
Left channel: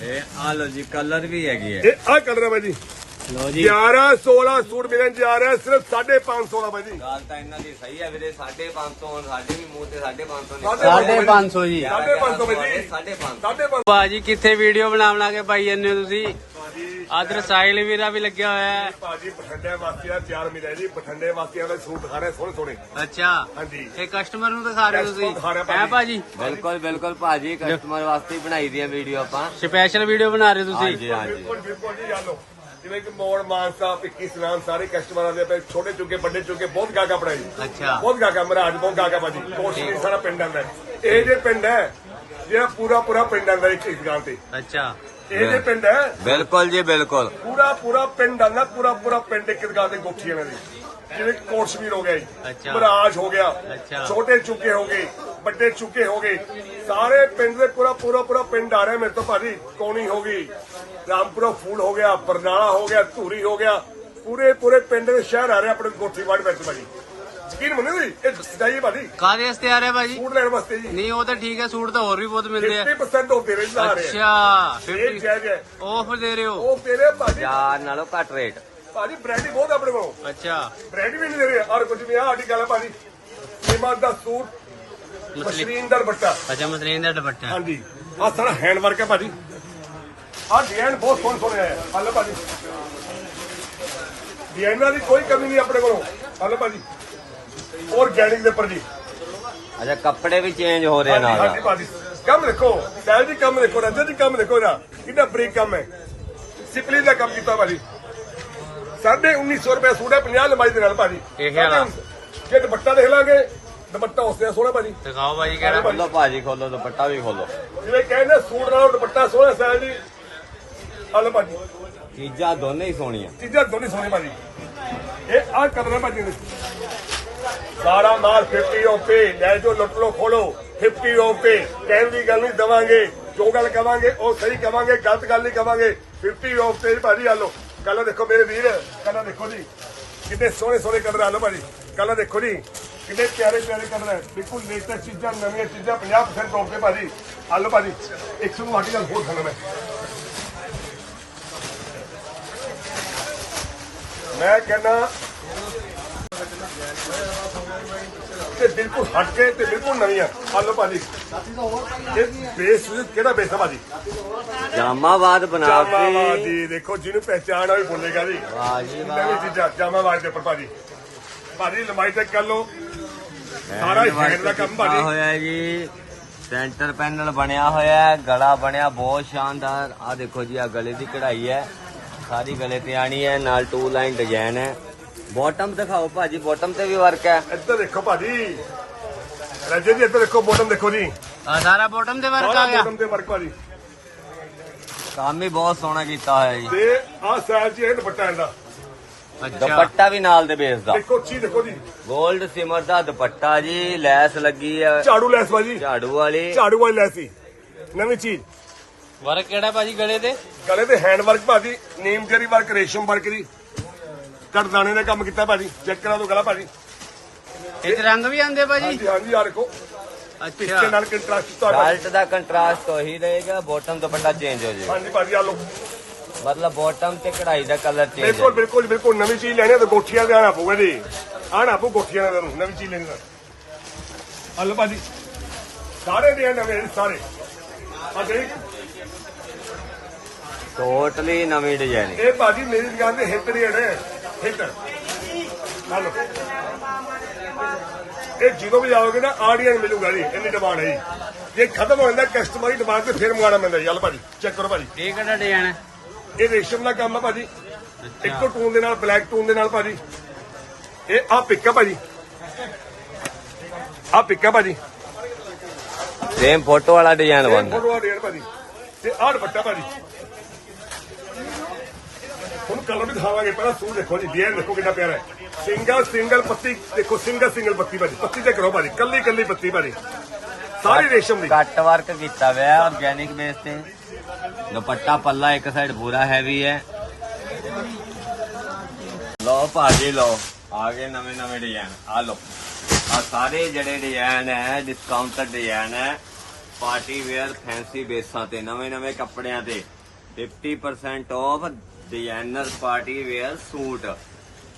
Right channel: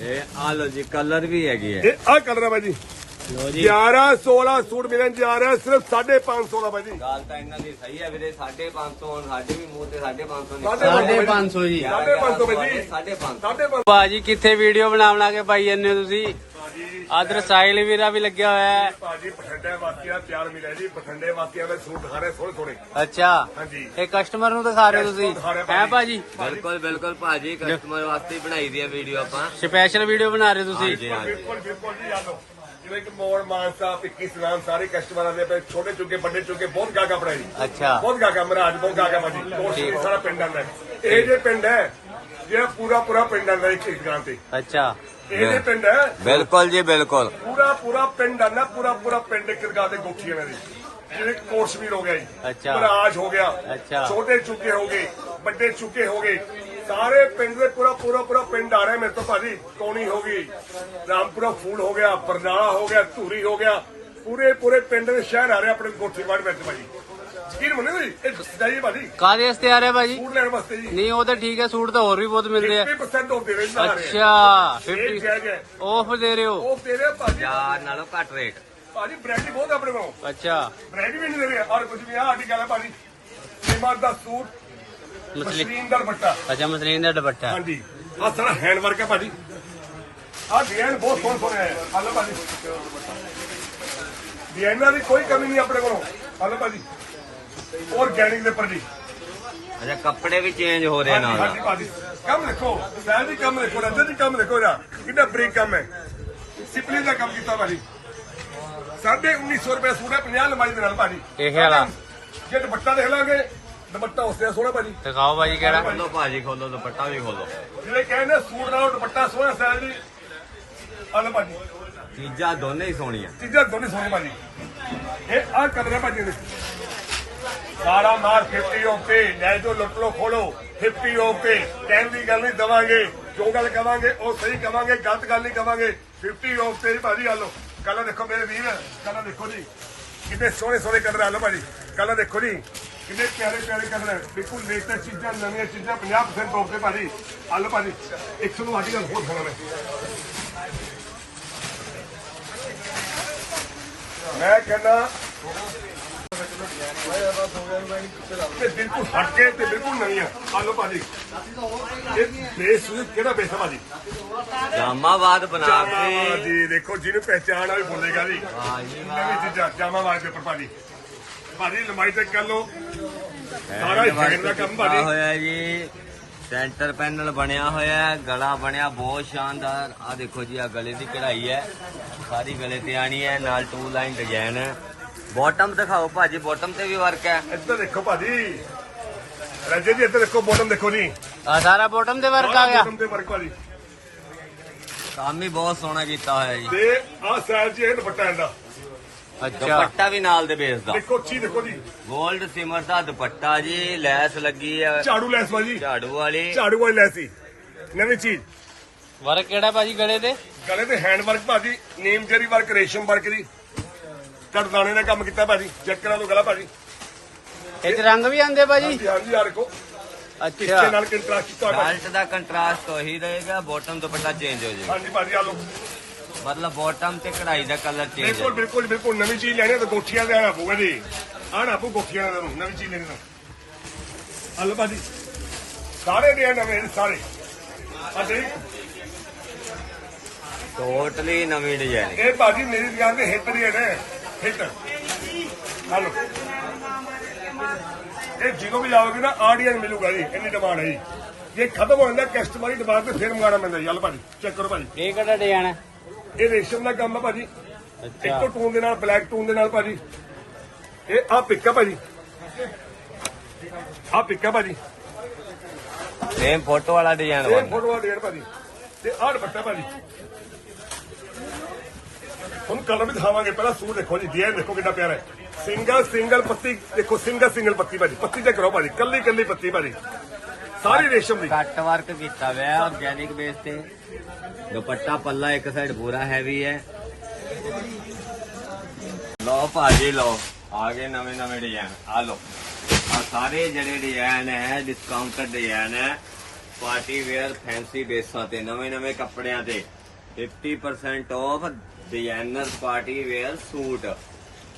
ਇਹ ਆ ਲਓ ਜੀ ਕਲਰ ਵੀ ਹੈਗੇ ਆ। ਇਹ ਆ ਕਲਰ ਹੈ ਭਾਈ ਜੀ ਲਓ ਜੀ। 11 16 ਸੂਟ ਮਿਲਣ ਜਾ ਰਿਹਾ ਸਿਰਫ 550 ਦਾ ਭਾਈ ਜੀ। ਗੱਲ ਤਾਂ ਇਹਨਾਂ ਦੀ ਸਹੀ ਹੈ ਵੀਰੇ 550 ਸਾਡੇ ਵੀ ਮੂੰਹ ਤੇ 550 ਸਾਢੇ ਸਾਢੇ ਪੰਜ ਸੌ ਜੀ। ਸਾਢੇ ਪੰਜ ਸੌ ਭਾਈ ਜੀ। 550 550 ਭਾਜੀ ਕਿੱਥੇ ਵੀਡੀਓ ਬਣਾ ਬਣਾ ਕੇ ਪਾਈ ਜਾਂਦੇ ਹੋ ਤੁਸੀਂ? ਆਦਰ ਸਾਹਿਲ ਵੀਰਾ ਵੀ ਲੱਗਿਆ ਹੋਇਆ ਹੈ। ਭਾਜੀ ਬਠਿੰਡੇ ਵਾਸੀਆਂ ਤਿਆਰ ਮਿਲਿਆ ਜੀ। ਬਠਿੰਡੇ ਵਾਸੀਆਂ ਦਾ ਸੂਟ ਦਿਖਾ ਰਹੇ ਸੋਹਣੇ ਸੋਹਣੇ। ਅੱਛਾ। ਹਾਂਜੀ। ਇਹ ਕਸਟਮਰ ਨੂੰ ਦਿਖਾ ਰਹੇ ਹੋ ਤੁਸੀਂ? ਹੈ ਭਾਜੀ। ਬਿਲਕੁਲ ਬਿਲਕੁਲ ਭਾਜੀ ਕਸਟਮਰ ਵਾਸਤੇ ਬਣਾਈ ਦੀ ਹੈ ਵੀਡੀਓ ਆਪਾਂ। ਸਪੈਸ਼ਲ ਵੀਡੀਓ ਬਣਾ ਰਹੇ ਹੋ ਤੁਸੀਂ? ਬਿਲਕੁਲ ਬਿਲਕੁਲ ਜੀ ਆ ਲਓ। ਜਿਵੇਂ ਕਿ ਮੋੜ ਮਾਨਸਾ ਪਿੱਕੀ ਸਨਾਮ ਸਾਰੇ ਕਸਟਮਰਾਂ ਦੇ ਪਏ ਛੋਟੇ ਚੁੱਕੇ ਵੱਡੇ ਚੁੱਕੇ ਬਹੁਤ ਗਾਗਾ ਜੀ। ਅੱਛਾ। ਬਹੁਤ ਗਾਗਾ ਮਹਾਰਾਜ ਬਹੁਤ ਗਾਗਾ ਬਾਜੀ ਕੋਸ਼ਿਸ਼ ਸਾਰਾ ਪਿੰਡ ਆਂਦਾ। ਇਹ ਜੇ ਪਿੰਡ ਹੈ ਜਿਹੜਾ ਪੂਰਾ ਪੂਰਾ ਪਿੰਡ ਆਂਦਾ ਇੱਕ ਇੱਕ ਦੁਕਾਨ ਤੇ। ਅੱਛਾ। ਇਹ ਜੇ ਪਿੰਡ ਹੈ ਬਿਲਕੁਲ ਜੀ ਬਿਲਕੁਲ। ਪੂਰਾ ਪੂਰਾ ਪਿੰਡ ਆਂਦਾ ਪੂਰਾ ਪੂਰਾ ਪਿੰਡ ਇੱਕ ਦੁਕਾਨ ਤੇ ਗੁੱਠੀ ਇਹਨਾਂ ਦੀ ਜਿਵੇਂ ਕੋਟਸ਼ਮੀਰ ਹੋ ਗਿਆ ਜੀ। ਅੱਛਾ। ਮਹਾਰਾਜ ਹੋ ਗਿਆ। ਅੱਛਾ। ਛੋਟੇ ਚੁੱਕੇ ਹੋ ਗਏ ਵੱਡੇ ਚੁੱਕੇ ਹੋ ਗਏ। ਸਾਰੇ ਪਿੰਡ ਦੇ ਪੂਰਾ ਪੂਰਾ ਪੂਰਾ ਪਿੰਡ ਆ ਰਿਹਾ ਮੇਰੇ ਤੋਂ ਭਾਜੀ। ਕੋਣੀ ਹੋ ਗਈ ਰਾਮਪੁਰਾ ਫੂਲ ਹੋ ਗਿਆ ਬਰਨਾਲਾ ਹੋ ਗਿਆ ਧੂਰੀ ਹੋ ਗਿਆ। ਪੂਰੇ ਪੂਰੇ ਪਿੰਡ ਦੇ ਸ਼ਹਿਰ ਆ ਰਹੇ ਆਪਣੇ ਕੋਠੀ ਵਾੜ ਵਿੱਚ ਭਾਜੀ। ਯਕੀਨ ਮੰਨੋ ਜੀ ਇਹ ਸਹੀ ਭਾਜੀ। ਕਾਦੇ ਵਾਸਤੇ ਆ ਰਿਹਾ ਭਾਜੀ? ਫੂਡ ਲੈਣ ਵਾਸਤੇ ਜੀ। ਨਹੀਂ ਉਹ ਤਾਂ ਠੀਕ ਹੈ ਸੂਟ ਤਾਂ ਹੋਰ ਵੀ ਬਹੁਤ ਮਿਲਦੇ ਆ। 50% ਹੋ ਤੇਰੇ ਨਾਲ ਆ ਰਹੇ ਅੱਛਾ ਇਹ 50 ਜਾਇਜ਼ ਹੈ। ਆਫ ਦੇ ਰਹੇ ਹੋ? ਉਹ ਤੇਰੇ ਭਾਜੀ। ਯਾਰ ਨਾਲੋਂ ਘੱਟ ਰੇਟ ਭਾਜੀ ਬ੍ਰੈਡੀ ਬਹੁਤ ਆਪਣੇ ਕੋਲ। ਅੱਛਾ। ਬ੍ਰੈਡ ਵੀ ਨਹੀਂ ਦੇ ਰਹੇ। ਔਰ ਕੁਝ ਵੀ ਆ ਗੱਲ ਹੈ ਭਾਜੀ। ਸੀਮਾ ਦਾ ਸੂਟ ਮਸ਼ੀਨ ਦਾ ਦੁਪੱਟਾ। ਅੱਛਾ ਮਸਲੀਨ ਦਾ ਦੁਪੱਟਾ। ਹਾਂਜੀ। ਆ ਸਾਰਾ ਹੈਂਡ ਵਰਕ ਹੈ ਭਾਜੀ। ਆ ਡਿਜ਼ਾਈਨ ਬਹੁਤ ਸੋਹਣੇ ਸੋਹਣੇ ਹੈ। ਹਲੋ ਭਾਜੀ। ਡਿਜ਼ਾਈਨਾਂ ਦੀ ਕੋਈ ਕਮੀ ਨਹੀਂ ਆਪਣੇ ਕੋਲੋਂ। ਹਲੋ ਭਾਜੀ। ਆਰਗੈਨਿਕ ਦੇ ਉੱਪਰ ਜੀ। ਅੱਛਾ ਕੱਪੜੇ ਵੀ ਚੇਂਜ ਹੋ ਰਹੇ ਨਾਲ। ਹਾਂਜੀ ਭਾਜੀ। ਕੰਮ ਦੇਖੋ। ਸੈਲ ਦੀ ਕੰਮ ਦੇਖੋ। ਰੰਜਨ ਦੀ ਕੰਮ ਦੇਖੋ ਇਹਦਾ। ਕਿੰਨਾ ਬਰੀਕ ਕੰਮ ਹੈ। ਸਿਪਲੀ ਦਾ ਕੰਮ ਕੀਤਾ ਭਾਜੀ। ਸਾਢੇ 1900 ਰੁਪਏ ਸੂਟ ਹੈ 50 ਲੰਬਾਈ ਦੇ ਨਾਲ ਭਾਜੀ। ਇਹ ਵਾਲਾ? ਜੇ ਦੁਪੱਟਾ ਦੇਖ ਲਾਂਗੇ ਦੁਪੱਟਾ ਉਸ ਸੋਹਣਾ ਭਾਜੀ। ਦਿਖਾਓ ਭਾਜੀ ਕਿਹੜਾ। ਖੋਲੋ ਭਾਜੀ ਖੋਲੋ ਦੁਪੱਟਾ ਵੀ ਖੋਲੋ। ਜਿਵੇਂ ਕਹਿੰਦੇ ਸੂਟ ਨਾਲ ਦੁਪੱਟਾ ਸੋਹਣਾ ਸੈਲ ਦੀ ਹਲੋ ਭਾਜੀ। ਚੀਜ਼ਾਂ ਦੋਨੇ ਹੀ ਸੋਹਣੀਆਂ। ਚੀਜ਼ਾਂ ਦੋਨੇ ਸੋਹਣੇ ਭਾਜੀ। ਇਹ ਆ ਕਦਰ ਹੈ ਭਾਜੀ ਨੇ ਸਾਰਾ ਮਾਰ 50 ਉੱਤੇ ਲੈ ਜੋ ਲੁੱਟ ਲੋ ਖੋਲੋ। 50 ਉੱਤੇ ਕਹਿਣ ਦੀ ਗੱਲ ਨਹੀਂ ਦਵਾਂਗੇ। ਜੋ ਗੱਲ ਕਵਾਂਗੇ ਉਹ ਸਹੀ ਕਵਾਂਗੇ ਗਲਤ ਗੱਲ ਨਹੀਂ ਕਵਾਂਗੇ। 50 ਉੱਤੇ ਭਾਜੀ ਆ ਲੋ ਕੱਲ ਦੇਖੋ ਮੇਰੇ ਵੀਰ ਕੱਲ ਦੇਖੋ ਜੀ। ਕਿੰਨੇ ਸੋਹਣੇ ਸੋਹਣੇ ਕਲਰ ਆ ਲੋ ਭਾਜੀ। ਕੱਲ ਦੇਖੋ ਜੀ। ਕਿੰਨੇ ਪਿਆਰੇ ਪਿਆਰੇ ਕਲਰ ਹੈ? ਬਿਲਕੁਲ ਲੇਟੈਸਟ ਚੀਜ਼ਾਂ ਨਵੀਆਂ ਚੀਜ਼ਾਂ 50% ਆਫ ਤੇ ਭਾਜੀ। ਆ ਲੋ ਭਾਜੀ 100 ਨੂੰ ਸਾਡੀ ਗੱਲ ਬਹੁਤ ਖੜਾ ਹੈ ਮੈਂ ਕਹਿੰਦਾ ਤੇ ਬਿਲਕੁਲ ਹਟ ਕੇ ਤੇ ਬਿਲਕੁਲ ਨਵੀਆਂ। ਆ ਲਓ ਭਾਜੀ। ਇਹ ਬੇਸ ਕਿਹੜਾ ਬੇਸ ਹੈ ਭਾਜੀ? ਜਾਮਾਬਾਦ ਬਣਾ ਜਾਮਾਵਾਦ ਕੇ ਜੀ ਦੇਖੋ ਜਿਹਨੂੰ ਪਹਿਚਾਣ ਆ ਵੀ ਬੋਲੇਗਾ ਜੀ। ਹਾਂ ਜੀ ਨਵੀਂ ਚੀਜ਼ਾਂ ਜਾਮਾਵਾਦ ਦੇ ਉੱਪਰ ਭਾਜੀ। ਭਾਜੀ ਲੰਬਾਈ ਚੈੱਕ ਕਰ ਲਓ ਸਾਰਾ ਹੈਂਡ ਦਾ ਕੰਮ ਭਾਜੀ ਹੋਇਆ ਜੀ। ਸੈਂਟਰ ਪੈਨਲ ਬਣਿਆ ਹੋਇਆ ਗਲਾ ਬਣਿਆ ਬਹੁਤ ਸ਼ਾਨਦਾਰ। ਆ ਦੇਖੋ ਜੀ ਆ ਗਲੇ ਦੀ ਕਢਾਈ ਹੈ। ਸਾਰੀ ਗਲੇ ਤੇ ਆਣੀ ਹੈ ਨਾਲ ਟੂ ਲਾਈਨ ਡਿਜ਼ਾਈਨ ਹੈ। ਬਾਟਮ ਦਿਖਾਓ ਭਾਜੀ ਬਾਟਮ ਤੇ ਵੀ ਵਰਕ ਹੈ। ਇੱਧਰ ਦੇਖੋ ਭਾਜੀ। ਰਜੇ ਜੀ ਇੱਧਰ ਦੇਖੋ ਬੋਟਮ ਦੇਖੋ ਜੀ। ਆ ਸਾਰਾ ਬੋਟਮ ਦੇ ਵਰਕ ਆ ਗਿਆ। ਬੋਟਮ ਤੇ ਵਰਕ ਭਾਜੀ। ਕੰਮ ਹੀ ਬਹੁਤ ਸੋਹਣਾ ਕੀਤਾ ਹੋਇਆ ਜੀ। ਤੇ ਆਹ ਸਾਈਜ਼ ਜੀ ਇਹ ਦੁਪੱਟਾ ਇਹਦਾ। ਦੁਪੱਟਾ ਵੀ ਨਾਲ ਦੇ ਬੇਸ ਦਾ। ਦੇਖੋ ਚੀਜ਼ ਦੇਖੋ ਜੀ। 골ਡ ਸਿਮਰ ਦਾ ਦੁਪੱਟਾ ਜੀ ਲੈਸ ਲੱਗੀ ਹੈ ਝਾੜੂ ਲੈਸ ਬਾਜੀ ਝਾੜੂ ਵਾਲੀ। ਝਾੜੂ ਵਾਲੀ ਲੈਸ ਸੀ ਨਵੀਂ ਚੀਜ਼। ਵਰਕ ਕਿਹੜਾ ਭਾਜੀ ਗਲੇ ਤੇ ਗਲੇ ਤੇ ਹੈਂਡ ਵਰਕ ਭਾਜੀ ਨੀਮ ਜਰੀ ਵਰਕ ਰੇਸ਼ਮ ਵਰਕ ਦੀ ਕਰਦਾਣੇ ਨੇ ਕੰਮ ਕੀਤਾ ਭਾਜੀ ਚੈੱਕ ਕਰਾ ਦੋ ਗਲਾ ਭਾਜੀ। ਇਹ 'ਚ ਰੰਗ ਵੀ ਆਂਦੇ ਭਾਜੀ? ਹਾਂਜੀ ਆ ਦੇਖੋ। ਅੱਛਾ। ਨਾਲ ਕੰਟਰਾਸਟ ਕੀਤਾ ਭਾਜੀ। ਬੈਲਟ ਦਾ ਕੰਟਰਾਸਟ ਉਹੀ ਰਹੇਗਾ ਬਾਟਮ ਦੁਪੱਟਾ ਚੇਂਜ ਹੋ ਜਾਏਗਾ। ਹਾਂਜੀ ਭਾਜੀ ਆ ਲੋ ਮਤਲਬ ਬਾਟਮ ਤੇ ਕਢਾਈ ਦਾ ਕਲਰ ਚੇਂਜ ਬਿਲਕੁਲ ਬਿਲਕੁਲ ਬਿਲਕੁਲ। ਨਵੀਂ ਚੀਜ਼ ਲੈਣੀ ਹੈ ਤਾਂ ਗੋਠੀਆਂ ਤੇ ਆਣਾ ਪਊਗਾ ਜੀ। ਆਣਾ ਪਊ ਗੋਠੀਆਂ ਦੇ ਤੁਹਾਨੂੰ ਨਵੀਂ ਚੀਜ਼ ਲੈਣੀ ਤਾਂ ਹਲੋ ਭਾਜੀ। ਸਾਰੇ ਦੇ ਨਵੇਂ ਸਾਰੇ। ਆ ਟੋਟਲੀ ਨਵੀਂ ਡਿਜ਼ਾਈਨ ਇਹ ਭਾਜੀ ਮੇਰੀ ਦੁਕਾਨ ਤੇ ਹਿੱਟ ਰੇਟ ਹੈ ਹਿੱਟ। ਹਲੋ ਇਹ ਜਦੋਂ ਵੀ ਜਾਓਗੇ ਨਾ ਆਡੀਅਨ ਮਿਲੂਗਾ ਜੀ। ਇੰਨੀ ਡਿਮਾਂਡ ਹੈ ਜੀ। ਜੇ ਖਤਮ ਹੋ ਜਾਂਦਾ ਕਸਟਮਰ ਦੀ ਡਿਮਾਂਡ ਤੇ ਫਿਰ ਮੰਗਾਣਾ ਪੈਂਦਾ ਜੀ। ਹਲ ਭਾਜੀ। ਚੈੱਕ ਕਰੋ ਭਾਜੀ। ਇਹ ਕਿਹੜਾ ਡਿਜ਼ਾਈਨ ਹੈ ਇਹ ਰੇਸ਼ਮ ਦਾ ਕੰਮ ਹੈ ਭਾਜੀ। ਇੱਕੋ ਟੂਨ ਦੇ ਨਾਲ ਬਲੈਕ ਟੂਨ ਦੇ ਨਾਲ ਭਾਜੀ। ਇਹ ਆ ਪਿੱਕਾ ਭਾਜੀ ਆ ਪਿੱਕਾ ਭਾਜੀ। ਸੇਮ ਫੋਟੋ ਵਾਲਾ ਡਿਜ਼ਾਈਨ ਇਹ ਬਣਦਾ। ਫੋਟੋ ਆ ਡੇਢ ਭਾਜੀ। ਤੇ ਆਹ ਦੁਪੱਟਾ ਭਾਜੀ। ਹੁਣ ਕਲਰ ਵੀ ਦਿਖਾਵਾਂਗੇ ਪਹਿਲਾਂ ਸੂਟ ਦੇਖੋ ਜੀ ਡਿਜ਼ਾਈਨ ਦੇਖੋ ਕਿੰਨਾ ਪਿਆਰਾ ਹੈ। ਸਿੰਗਲ ਸਿੰਗਲ ਪੱਤੀ ਦੇਖੋ ਸਿੰਗਲ ਸਿੰਗਲ ਪੱਤੀ ਭਾਜੀ। ਪੱਤੀ ਤੇ ਕਰੋ ਭਾਜੀ ਕੱਲੀ ਕੱਲੀ ਪੱਤੀ ਭਾਜੀ। ਸਾਰੀ ਰੇਸ਼ਮ ਦੀ। ਕੱਟ ਵਰਕ ਕੀਤਾ ਹੋਇਆ ਆਰਗੈਨਿਕ ਬੇਸ ਤੇ। ਦੁਪੱਟਾ ਪੱਲਾ ਇੱਕ ਸਾਈਡ ਪੂਰਾ ਹੈਵੀ ਹੈ। ਲਓ ਭਾਜੀ, ਲਓ। ਆ ਗਏ ਨਵੇਂ ਨਵੇਂ ਡਿਜ਼ਾਈਨ ਆ ਲਓ। ਆ ਸਾਰੇ ਜਿਹੜੇ ਡਿਜ਼ਾਈਨ ਹੈ ਡਿਸਕਾਊਂਟਡ ਡਿਜ਼ਾਈਨ ਹੈ ਪਾਰਟੀ ਵੇਅਰ ਫੈਂਸੀ ਬੇਸਾਂ ਤੇ, ਨਵੇਂ ਨਵੇਂ ਕੱਪੜਿਆਂ ਤੇ। 50% off designer party wear suit